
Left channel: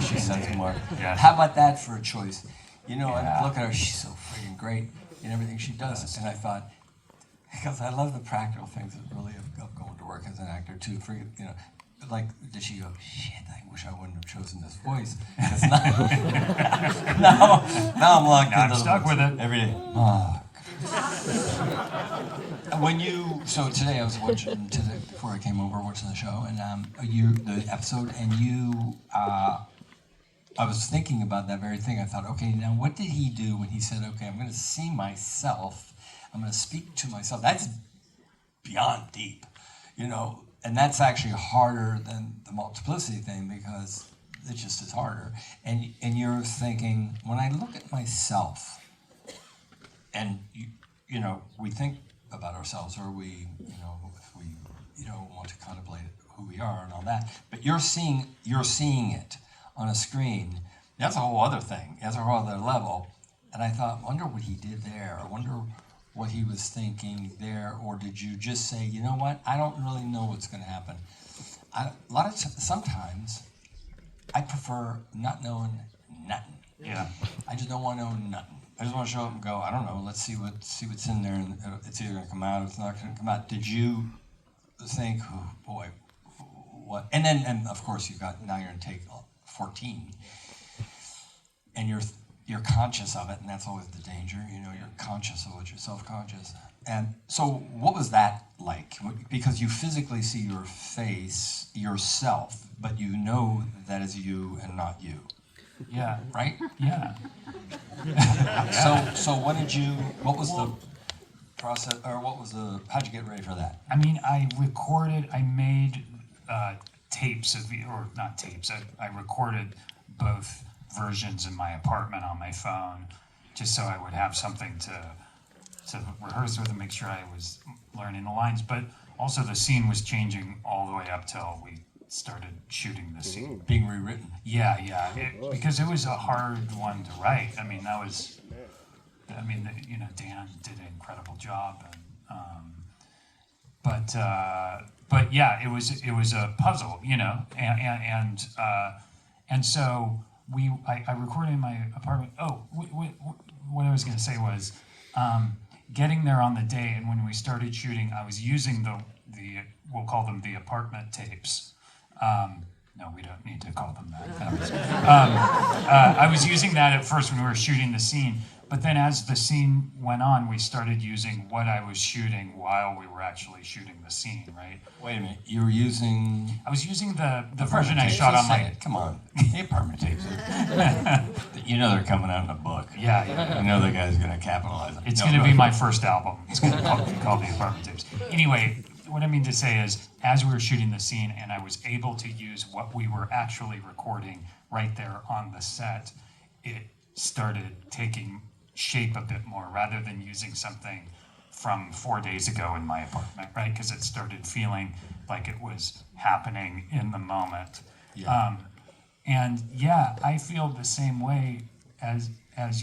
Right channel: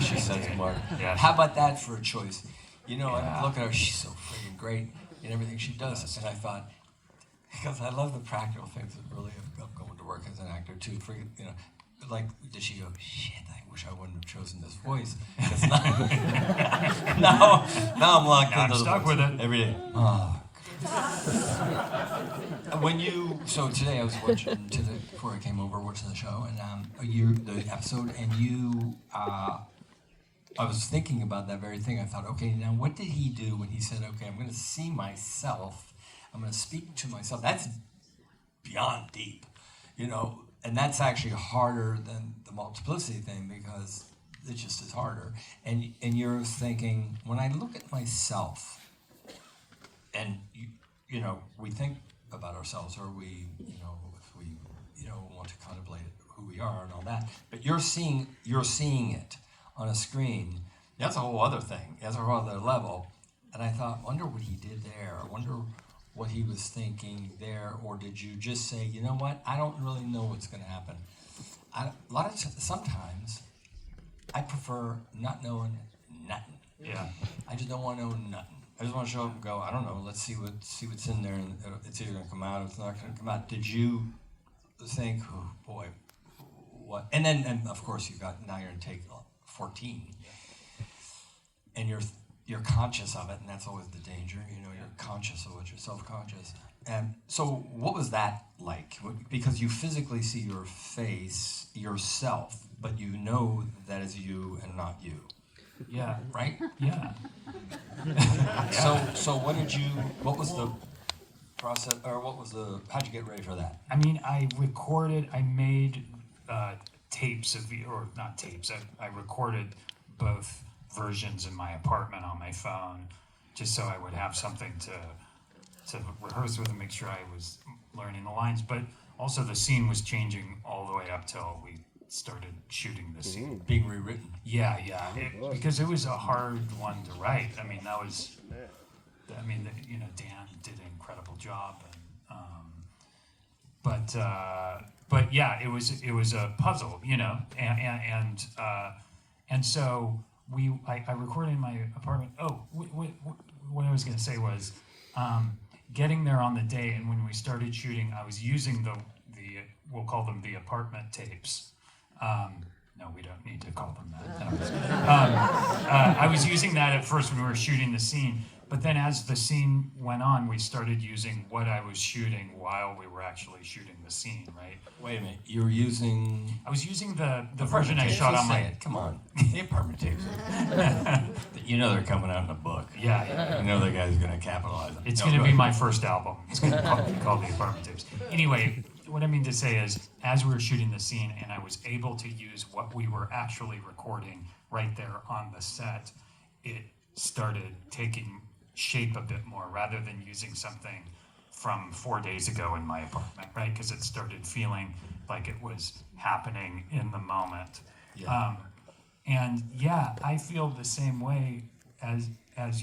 She says Mark. Yeah. How about that for a choice? I look at her, she's so freaking great in everything she does. Yes. And I thought, because I love the practical things of really of going to work as an actor too. Like, did she go, shit, I wish I wouldn't have chosen this voice. Now I'm locked I'm into stuck with it. every day. So today I was watching, before I came over, watching the show, and the episode, and I was thinking about that very thing. I thought, okay, now what did he do when he said, okay, I'm going to see myself, I'm going to speak to myself? That's beyond deep, and that's actually harder than the Multiplicity thing because it just is harder. And you're thinking, when I look at myself, and we think about ourselves, or we, if we, want to contemplate who we are and all that. But you're seeing it on a screen. That's a whole other thing. That's a whole other level. And I thought, wonder what he did there. I wonder what he was thinking there. Or did you just say, you know what? I don't really know what's going to happen. Sometimes I prefer not knowing nothing. Yeah. I just don't want to know nothing. I just want to show up and go, I don't know, let's see what's in there, and it's either going to come out or it's not going to come out. Did you think, oh boy, what? And then of course now you're in take 14, and you're conscious of it, and that's always the danger. You're conscious of it, you're self-conscious. And so what was that like? Because you physically see your face, yourself, but you know that is you and not you. Yeah. Right? Yeah. So what was the process, or how'd you get ready for that? I made tapes not tapes, I recorded both versions in my apartment on my phone, just so I would have something to rehearse with and make sure I was learning the lines, but also the scene was changing all the way up till we started shooting the scene. Being rewritten. Yeah. Because it was a hard one to write. Dan did an incredible job, but yeah, it was a puzzle, and so I recorded in my apartment. Oh, what I was going to say was, getting there on the day, and when we started shooting, I was using the we'll call them the apartment tapes. No, we don't need to call them that. I was using that at first when we were shooting the scene, But then as the scene went on, we started using what I was shooting while we were actually shooting the scene, right? Wait a minute, you were using... I was using the version I shot Just on say my... it. Come on, they permanent tapes. You know they're coming out in a book. Yeah. You know the guy's going to capitalize on it. It's No, going to go be ahead. my first album. It's going to be called The Apartment Tapes. Anyway, what I mean to say is, as we were shooting the scene and I was able to use what we were actually recording right there on the set, it started taking shape a bit more rather than using something from 4 days ago in my apartment, right? Because it started feeling like it was happening in the moment. Yeah. And yeah, I feel the same way as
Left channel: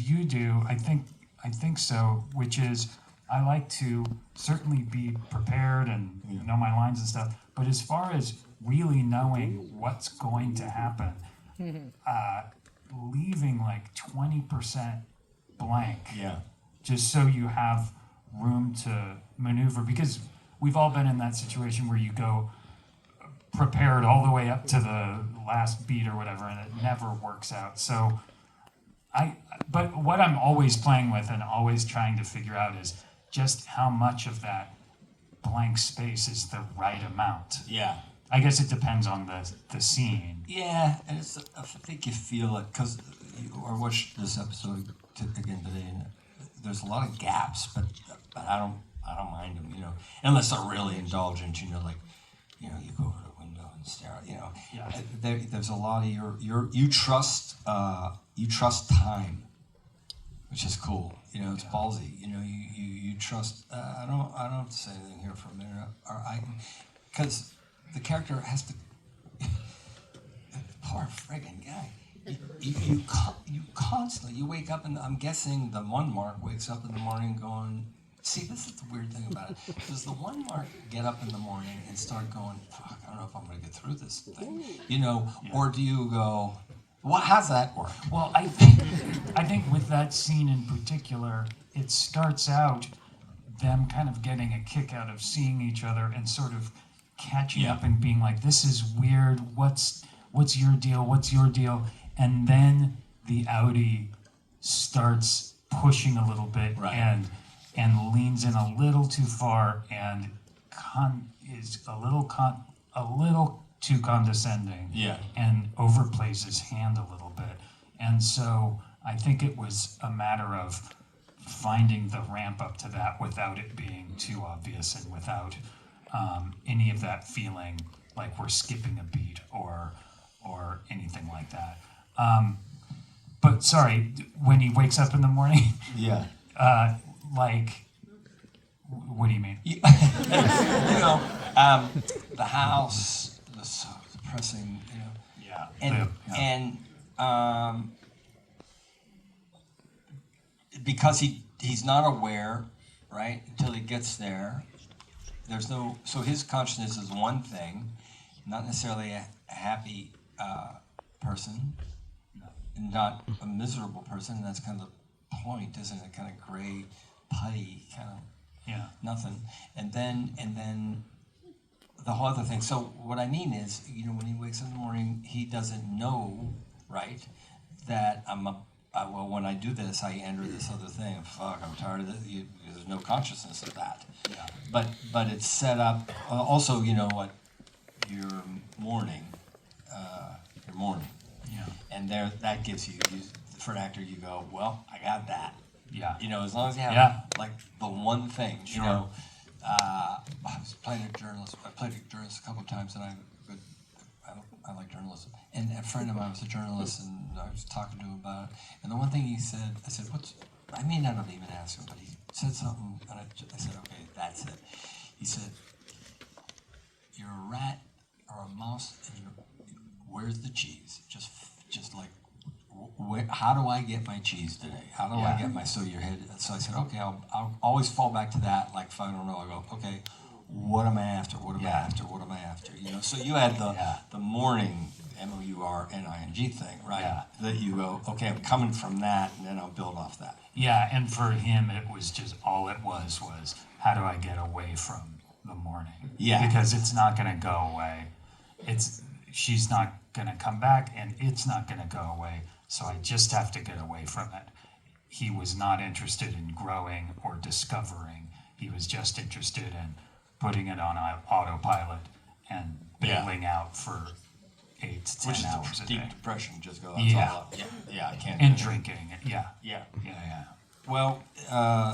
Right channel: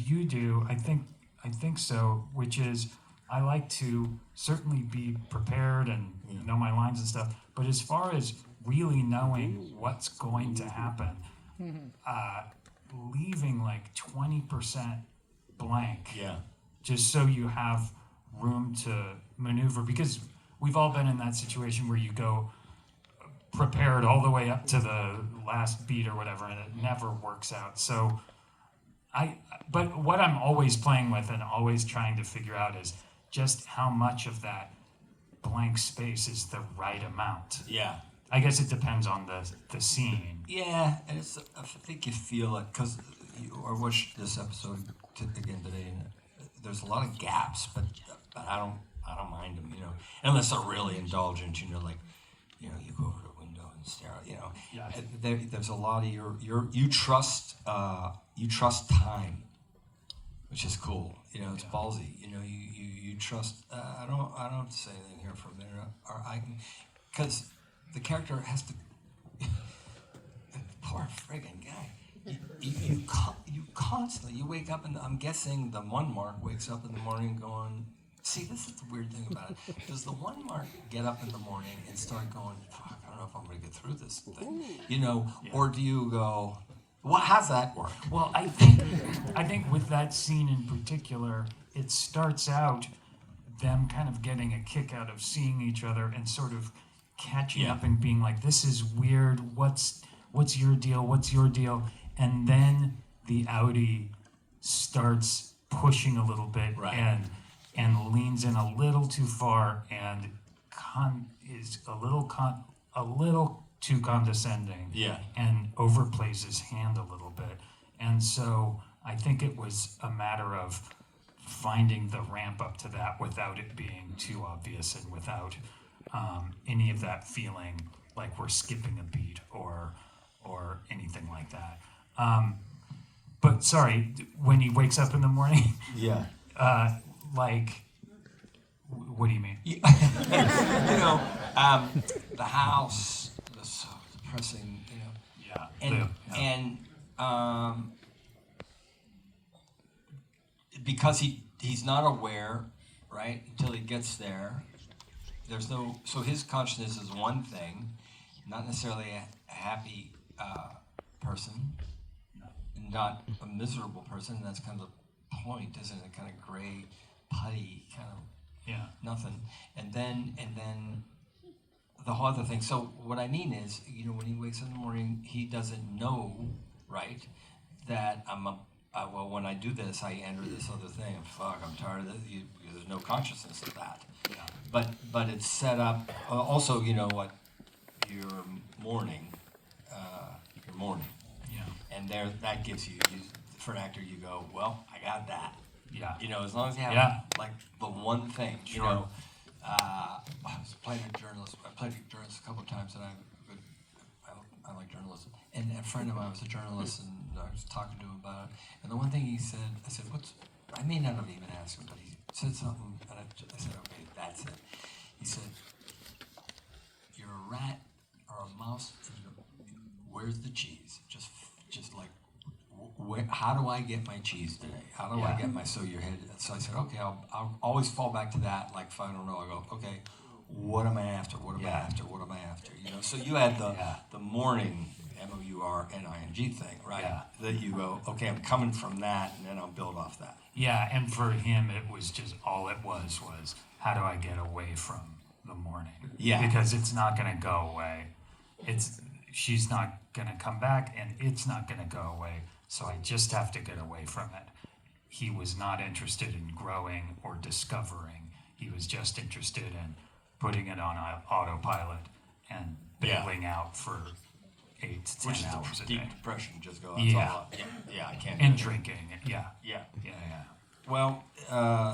you do. I think so, which is I like to certainly be prepared and know my lines and stuff. But as far as really knowing what's going to happen, leaving like 20% blank, Yeah. just so you have room to maneuver, because we've all been in that situation where you go prepared all the way up to the last beat or whatever, and it never works out. So but what I'm always playing with and always trying to figure out is just how much of that blank space is the right amount. Yeah. I guess it depends on the scene. Yeah, and it's, I think you feel it, because I watched this episode again today, and there's a lot of gaps, but I don't mind them, unless they're really indulgent, like, you go over the window and stare, Yeah. There's a lot of you trust time, which is cool, it's ballsy, you trust, I don't have to say anything here for a minute, because the character has to, poor friggin' guy. You constantly, you wake up, and I'm guessing the one Mark wakes up in the morning going, see, this is the weird thing about it. Does the one Mark get up in the morning and start going, fuck, I don't know if I'm going to get through this thing, or do you go, how's that work? Well, I think with that scene in particular, it starts out them kind of getting a kick out of seeing each other and sort of catching up and being like, this is weird, what's your deal, what's your deal? And then the outie starts pushing a little bit, right, and leans in a little too far and is a little too condescending, and overplays his hand a little bit. And so I think it was a matter of finding the ramp up to that without it being too obvious and without any of that feeling like we're skipping a beat or anything like that. But sorry, when he wakes up in the morning, like, what do you mean? The house was so depressing, Yeah. and because he's not aware, right, until he gets there. So his consciousness is one thing, not necessarily a happy person, and not a miserable person. That's kind of the point, isn't it? Kind of gray, putty, kind of nothing. And then the whole other thing. So what I mean is, when he wakes in the morning, he doesn't know, right, that well, when I do this, I enter this other thing. Fuck, I'm tired of this. There's no consciousness of that. Yeah. But it's set up. Also, what your morning. Yeah. And that gives you, for an actor, you go, well, I got that. Yeah. As long as you have like the one thing. Sure. I was playing a journalist. I played a journalist a couple of times, and I like journalism. And a friend of mine was a journalist, and I was talking to him about it. And the one thing he said, I said, I may not have even asked him, but he said something, and I said, okay, that's it. He said, you're a rat or a mouse, and where's the cheese? Just like, how do I get my cheese today? How do I get my, so I said, okay, I'll always fall back to that. Like, if I don't know, I go, okay, what am I after? What am I after? What am I after? So you had the morning MOURNING thing, right? Yeah. That you go, okay, I'm coming from that, and then I'll build off that. Yeah, and for him, it was just, all it was how do I get away from the morning? Yeah. Because it's not going to go away. She's not going to come back, and it's not going to go away. So I just have to get away from it. he was not interested in growing or discovering. He was just interested in putting it on autopilot and bailing out for 8 to 10 Which is hours a deep day. depression. Just go. Yeah. I can't. And drinking. Yeah. Yeah. Yeah. Well,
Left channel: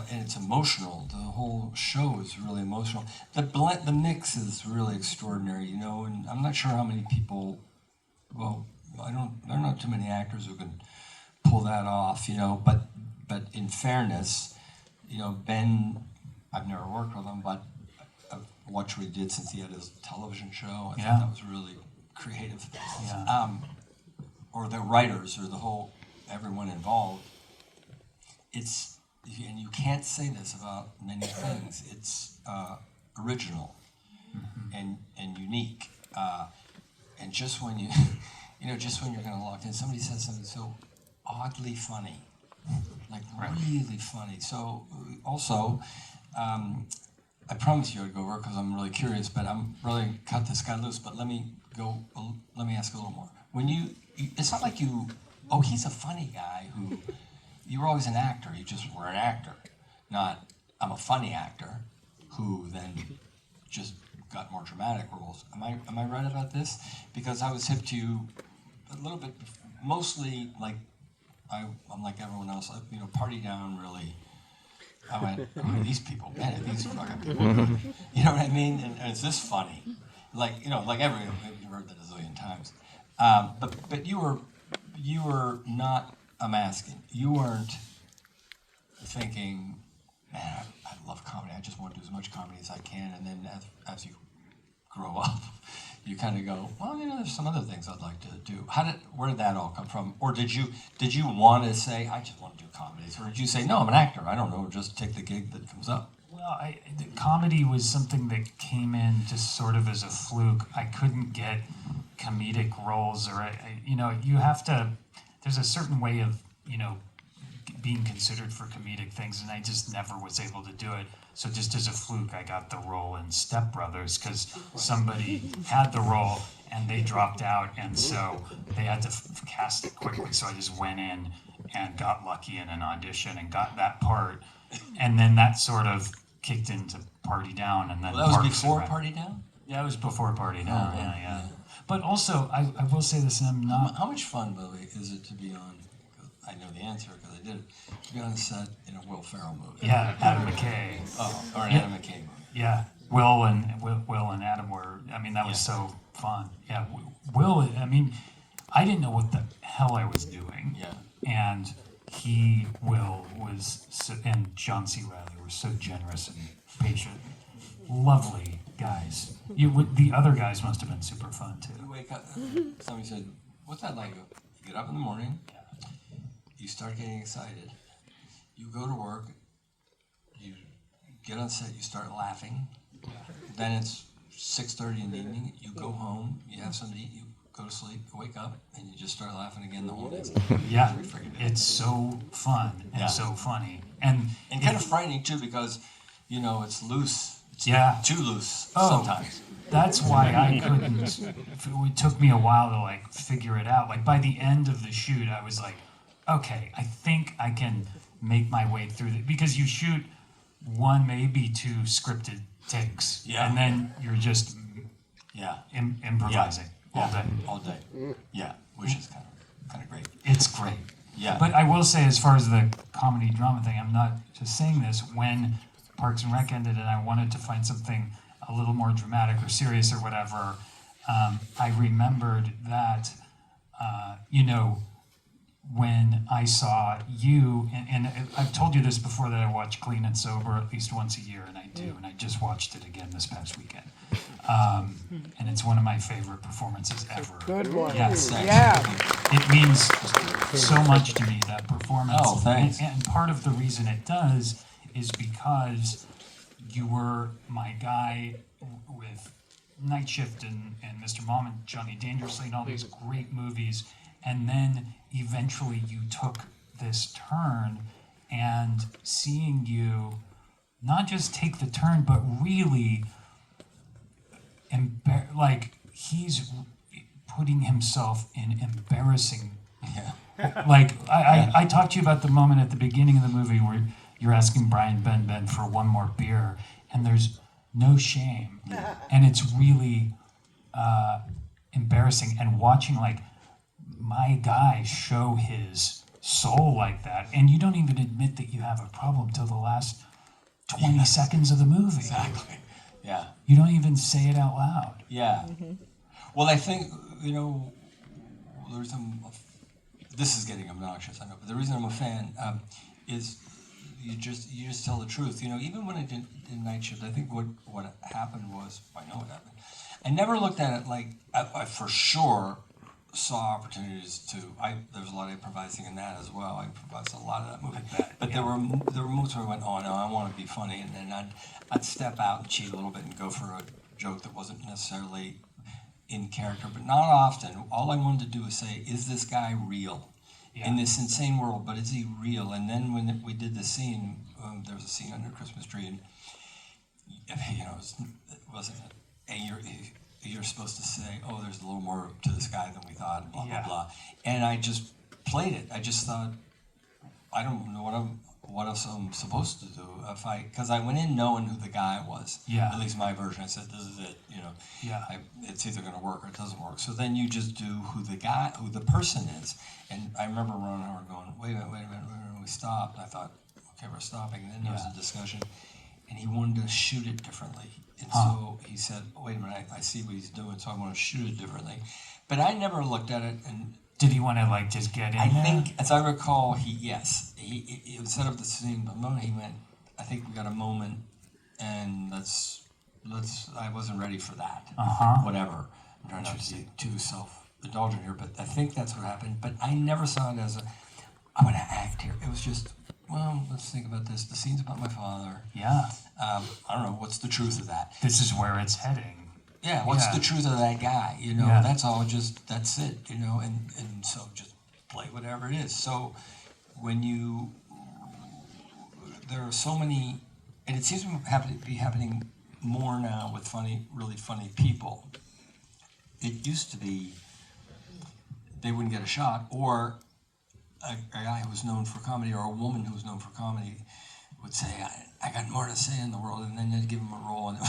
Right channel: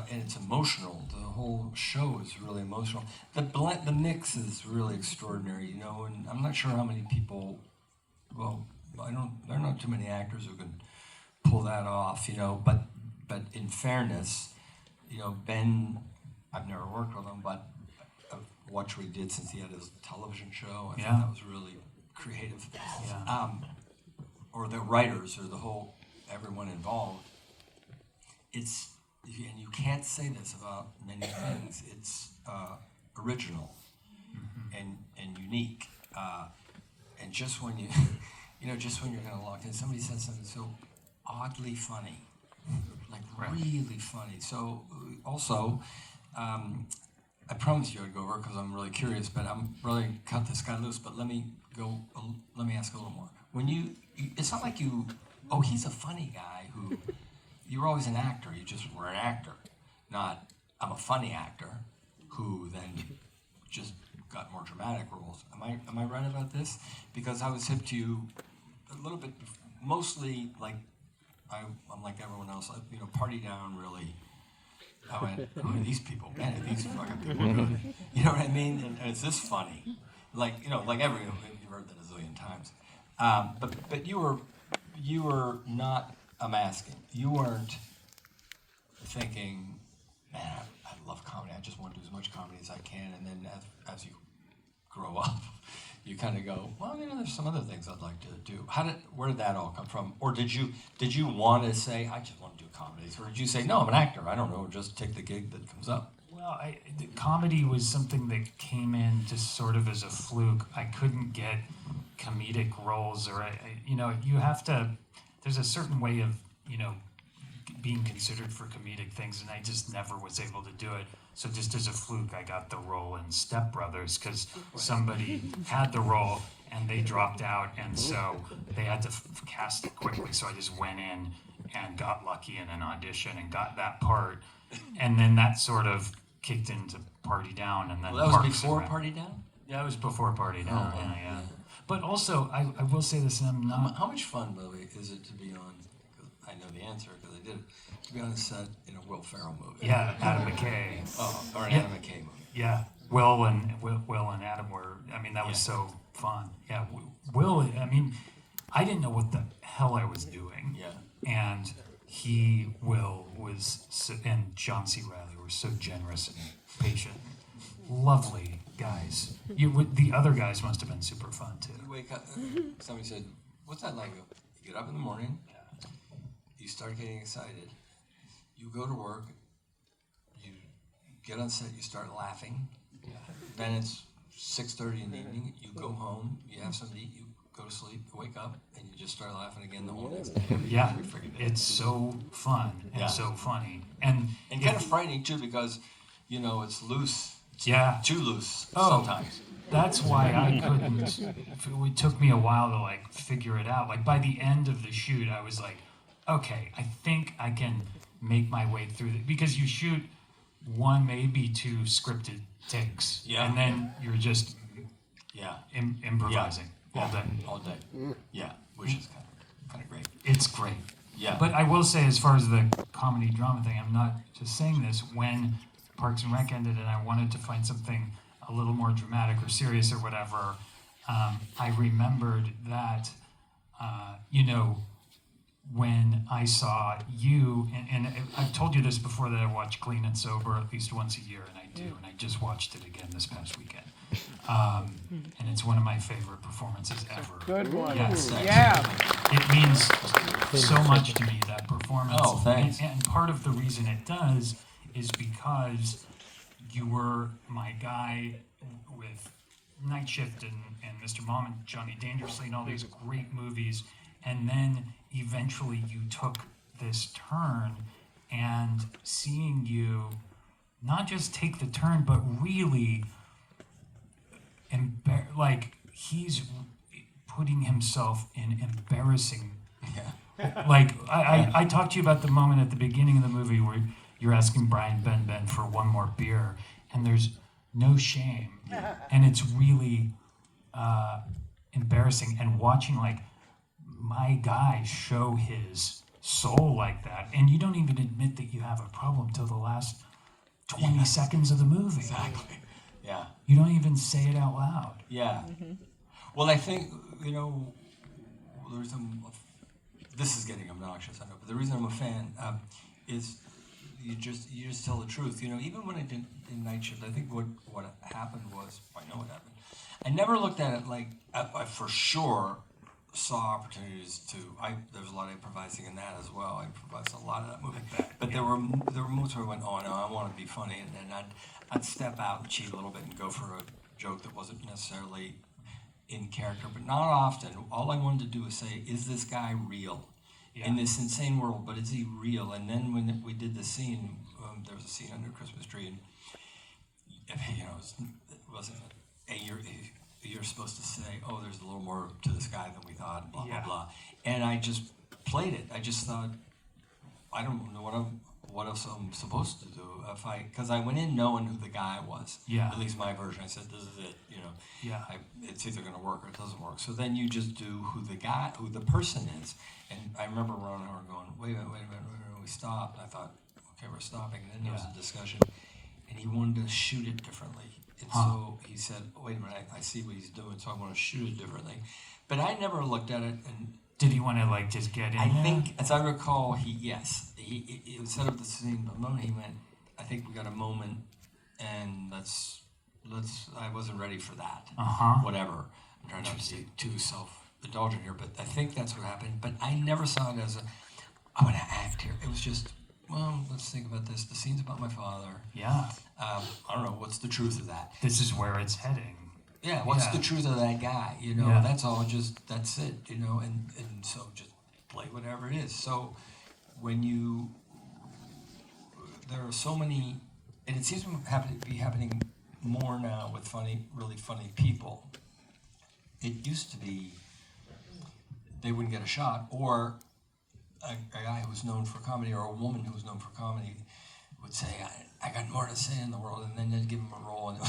and it's emotional. The whole show is really emotional. The mix is really extraordinary, you know. And I'm not sure how many people. Well, there are not too many actors who can pull that off, you know. But in fairness, you know, Ben, I've never worked with him, but I've watched what he did since he had his television show. I thought that was really creative. Yeah. Or the writers, or the whole everyone involved. It's, and you can't say this about many things. It's original and unique. And just when just when you're kind of locked in, somebody says something so oddly funny, like really funny. So also, I promised you I'd go over because I'm really curious, but I'm really cut this guy loose. But let me ask a little more. When it's not like he's a funny guy who. You were always an actor. You just were an actor, not I'm a funny actor who then just got more dramatic roles. Am I right about this? Because I was hip to you a little bit, mostly like I'm like everyone else. Party Down really. I went, who are these people? Man, are these fucking people? You know what I mean? And is this funny? Like everyone, you've heard that a zillion times. But you were not. I'm asking. You weren't thinking, man, I love comedy. I just want to do as much comedy as I can. And then as you grow up, you kind of go, well, there's some other things I'd like to do. Where did that all come from? Or did you want to say, I just want to do comedies? Or did you say, no, I'm an actor. I don't know, just take the gig that comes up? Well, the comedy was something that came in just sort of as a fluke. I couldn't get comedic roles, or you have to. There's a certain way of, being considered for comedic things, and I just never was able to do it. So just as a fluke, I got the role in Step Brothers because somebody had the role and they dropped out, and so they had to cast it quickly. So I just went in and got lucky in an audition and got that part, and then that sort of kicked into Party Down, and then that was before Party Down? Yeah, it was before Party Down. Yeah. But also, I will say this, and I'm not. How much fun, Lily, is it to be on? I know the answer because I did it. To be on set in a Will Ferrell movie. Yeah, Adam McKay. Or an Adam McKay movie. Yeah, Will and Adam were. I mean, that was so fun. Yeah, Will. I mean, I didn't know what the hell I was doing. Yeah. And Will was, and John C. Reilly were so generous and patient, lovely guys. The other guys must have been super fun too. You wake up. Somebody said, "What's that like?" You get up in the morning. Yeah. You start getting excited. You go to work. You get on set. You start laughing. Yeah. Then it's 6:30 in the evening. You go home. You have something to eat. You go to sleep. You wake up, and you just start laughing again the whole day. Yeah, it's so fun and so funny, and kind of frightening too because it's loose. It's too loose sometimes. That's why I couldn't. It took me a while to figure it out. Like by the end of the shoot, I was like, okay, I think I can make my way through it, because you shoot one, maybe two scripted takes, and then you're just improvising all day. Yeah, which is kind of great. It's great. Yeah. But I will say, as far as the comedy drama thing, I'm not just saying this. When Parks and Rec ended and I wanted to find something a little more dramatic or serious or whatever, I remembered that, when I saw you, and I've told you this before, that I watch Clean and Sober at least once a year, and I do, and I just watched it again this past weekend. And it's one of my favorite performances ever. Good one. Yes. Yeah. It means so much to me, that performance. Oh, thanks. And part of the reason it does is because you were my guy with Night Shift and Mr. Mom and Johnny Dangerously and all these great movies. And then eventually you took this turn, and seeing you not just take the turn, but really he's putting himself in embarrassing Like, I talked to you about the moment at the beginning of the movie where you're asking Brian Ben for one more beer, and there's no shame. And it's really embarrassing. And watching, like, my guy show his soul like that, and you don't even admit that you have a problem till the last 20 seconds of the movie. Exactly. Yeah. You don't even say it out loud. Yeah. Well, I think, there's this is getting obnoxious, I know, but the reason I'm a fan is you just tell the truth. Even when I did Night Shift, I think what happened was, I know what happened. I never looked at it like, I for sure saw opportunities there was a lot of improvising in that as well. I improvised a lot of that movie. But there were moments where I went, oh no, I want to be funny, and then I'd step out and cheat a little bit and go for a joke that wasn't necessarily in character, but not often. All I wanted to do was say, is this guy real? In this insane world, but is he real? And then when we did the scene, there was a scene under a Christmas tree, and it wasn't. You're supposed to say, oh, there's a little more to this guy than we thought, blah blah blah. And I just played it. I just thought, I don't know what else I'm supposed to do because I went in knowing who the guy was. At least my version. I said, this is it. It's either going to work or it doesn't work. So then you just do who the person is. And I remember Ron Howard going, wait a minute. We stopped. I thought, okay, we're stopping. And then there was a discussion, and he wanted to shoot it differently. And so he said, wait a minute, I see what he's doing, so I want to shoot it differently. But I never looked at it and. Did he want to just get in I there? think, as I recall, he would set up the scene. But the moment he went, I think we got a moment, and let's. I wasn't ready for that. Whatever. I'm trying not to be too self-indulgent here, but I think that's what happened. But I never saw it as I'm going to act here. It was just, well, let's think about this. The scene's about my father. Yeah. I don't know what's the truth of that. This is where it's heading. Yeah, what's the truth of that guy? That's all. That's it. And so just play whatever it is. So when there are so many, and it seems to be happening more now with really funny people. It used to be they wouldn't get a shot, or a guy who was known for comedy, or a woman who was known for comedy would say, I got more to say in the world, and then they'd give him a role, and it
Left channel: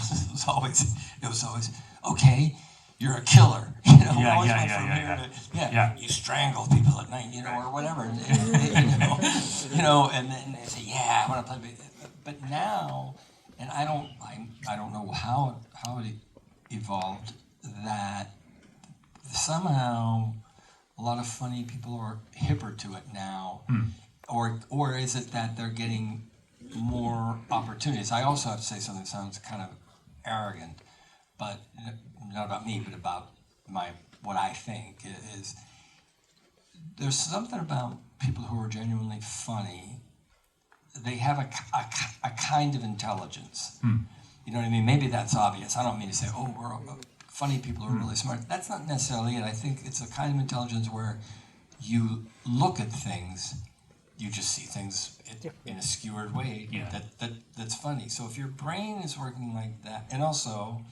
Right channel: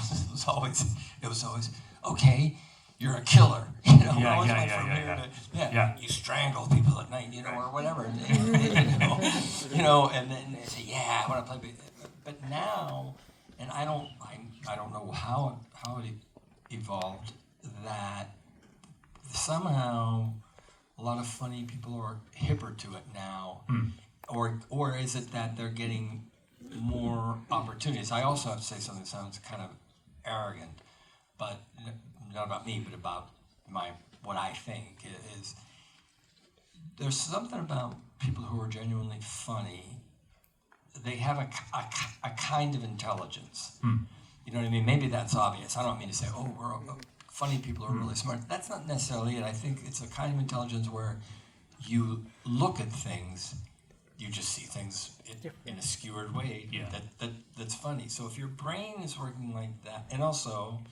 was always, okay, you're a killer, You strangle people at night, or whatever, and then they say, I want to play, but now, and I don't know how it evolved, that somehow a lot of funny people are hipper to it now, or is it that they're getting more opportunities? I also have to say something that sounds kind of arrogant, but not about me, but about what I think is there's something about people who are genuinely funny. They have a kind of intelligence. You know what I mean? Maybe that's obvious. I don't mean to say, funny people are really smart. That's not necessarily it. I think it's a kind of intelligence where you look at things, you just see things in a skewered way that's funny. So if your brain is working like that, and also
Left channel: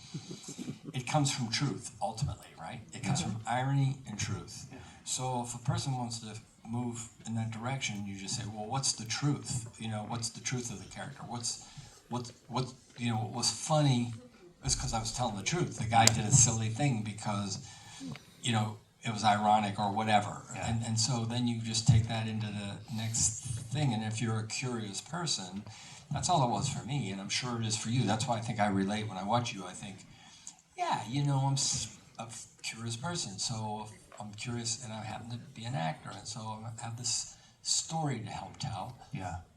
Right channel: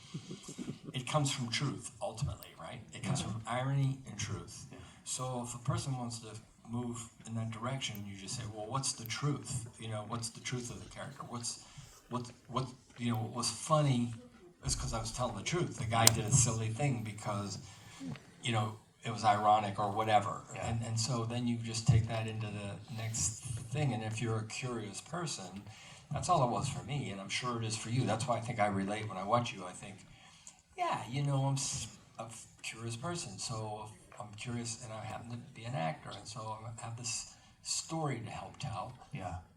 it comes from truth ultimately, right? It comes from irony and truth. So if a person wants to move in that direction, you just say, well, what's the truth? What's the truth of the character? What was funny is because I was telling the truth. The guy did a silly thing because, it was ironic or whatever. And so then you just take that into the next thing. And if you're a curious person, that's all it was for me. And I'm sure it is for you. That's why I think I relate when I watch you. I think, I'm a curious person. So I'm curious, and I happen to be an actor. And so I have this story to help tell.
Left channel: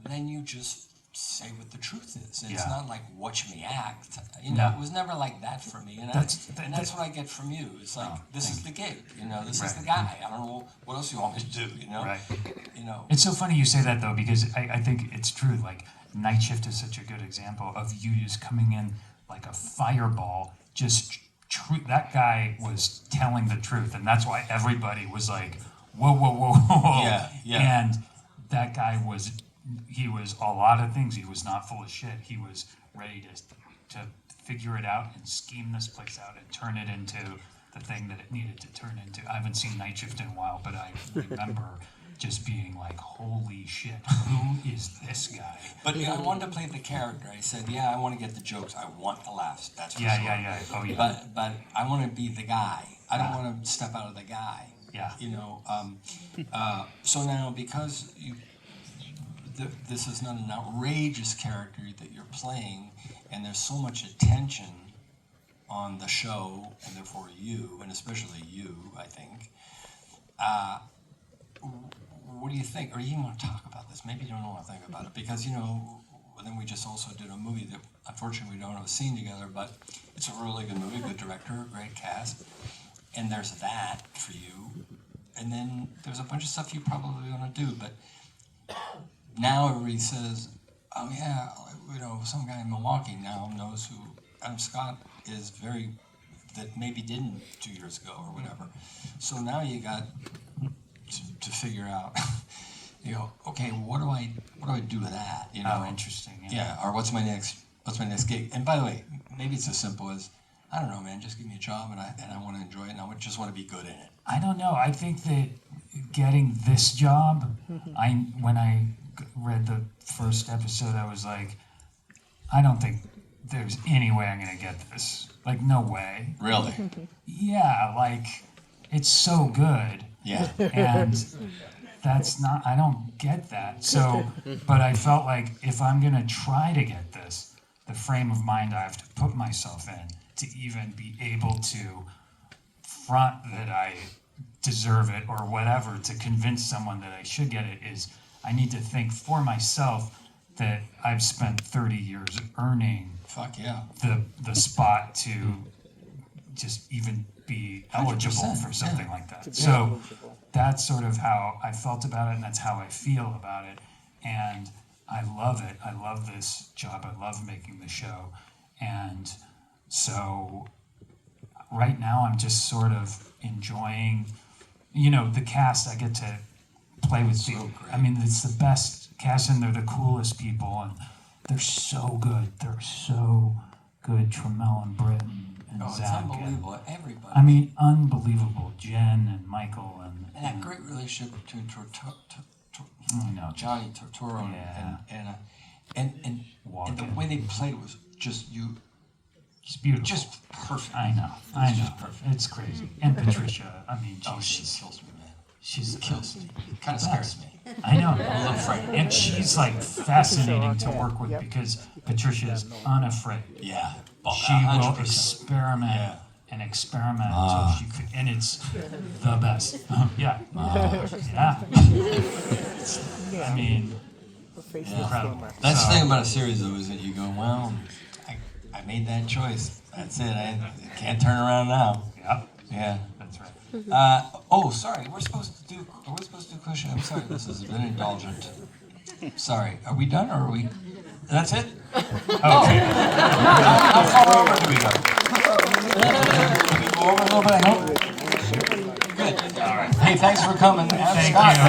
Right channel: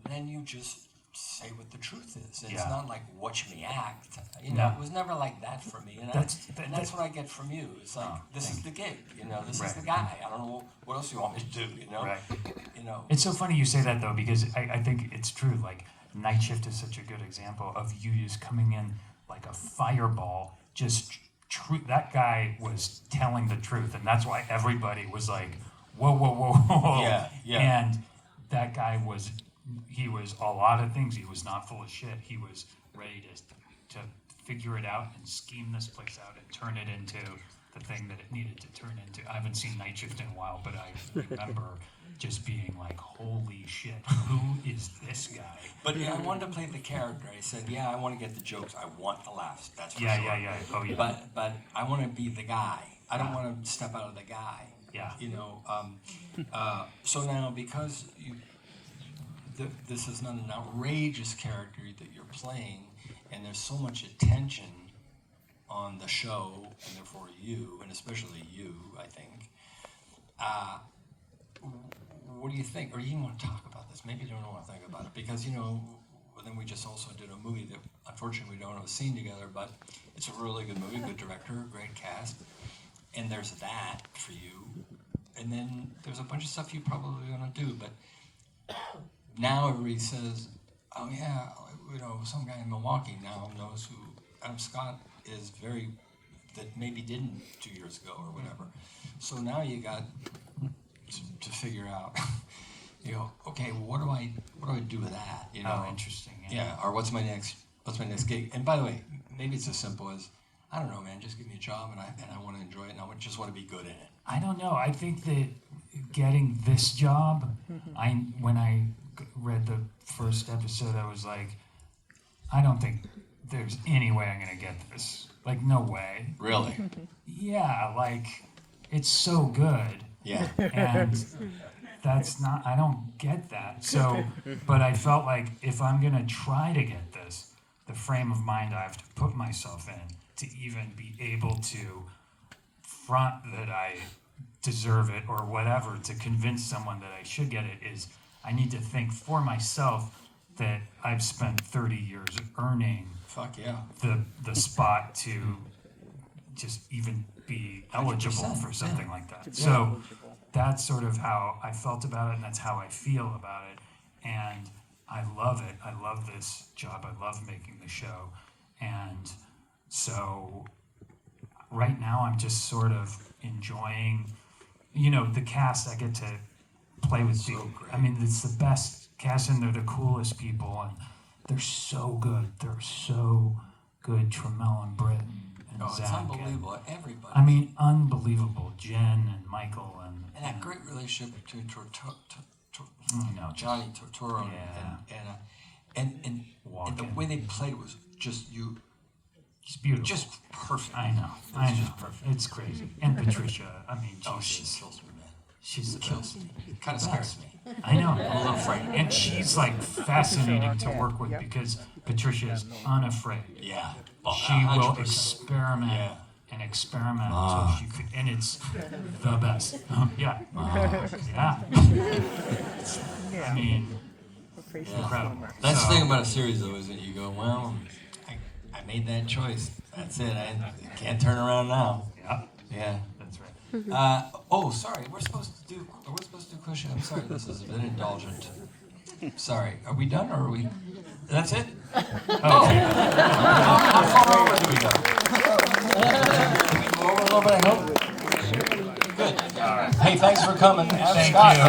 Then you just say what the truth is. It's not like watch me act. It was never like that for me. And that's what I get from you. It's like, this is the gig. This is the guy. I don't know what else you want me to do. It's so funny you say that though, because I think it's true. Like Night Shift is such a good example of you just coming in like a fireball. Just that guy was telling the truth, and that's why everybody was like, whoa. And that guy was. He was a lot of things. He was not full of shit. He was ready to figure it out and scheme this place out and turn it into the thing that it needed to turn into. I haven't seen Night Shift in a while, but I remember just being like, holy shit, who is this guy? But I wanted to play the character. I said, yeah, I want to get the jokes. I want the laughs. That's for sure. Yeah. Oh, yeah. But I want to be the guy. I don't want to step out of the guy. Yeah. So now, because this is not an outrageous character that you're playing, and there's so much attention on the show, and therefore you, and especially you, I think. What do you think? Or you even want to talk about this? Maybe you don't want to think about it, because then we just also did a movie that unfortunately we don't have a scene together, but it's a really good movie, good director, great cast, and there's that for you, and then there's a bunch of stuff you probably want to do, but now everybody says, oh yeah, some guy in Milwaukee now knows who Adam Scott is, that maybe didn't 2 years ago or whatever. So now you got to figure out, okay, what do I do with that? Oh, interesting. Yeah. Or what's my next gig? And by the way, maybe it's as simple as, I don't know, man, just give me a job and I want to enjoy it and I just want to be good in it. I don't know. I think that getting this job, when I read the first episode, I was like, I don't think there's any way I'm going to get this. Like, no way. Really? Yeah, like, it's so good. Yeah. And that's not, I don't get that. So, but I felt like if I'm going to try to get this, the frame of mind I have to put myself in to even be able to front that I deserve it or whatever, to convince someone that I should get it, is I need to think for myself that I've spent 30 years earning Fuck yeah. the spot to just even be eligible for something like that. So that's sort of how I felt about it, and that's how I feel about it. And I love it. I love this job. I love making the show. And so right now I'm just sort of enjoying, the cast. I get to play with I mean, it's the best cast, and they're the coolest people, and they're so good. They're so good. Tremel and Britton and It's Zach. unbelievable. Everybody. I mean, unbelievable. Jen and Michael and that great relationship between Johnny Tortoro and the way they played was just it's beautiful. just perfect. I know. Just perfect. It's crazy. And Patricia, I mean, She kills me, man. she's Kills me. Kind of scares me. I know. I love Frank. And she's like fascinating to work with because Patricia is unafraid. Yeah. She will experiment and experiment until she could, and it's the best. Yeah. I mean, incredible. That's the thing about a series, though, is that you go, well, I made that choice. That's it. I can't turn around now. Yeah. That's right. Sorry. We're supposed to do question. I'm sorry. This is a bit indulgent. Sorry. Are we done, or are we? That's it. Okay. How far over do we go? Over a little bit. I hope. Good. All right. Hey, thanks for coming. Thank Scott. you.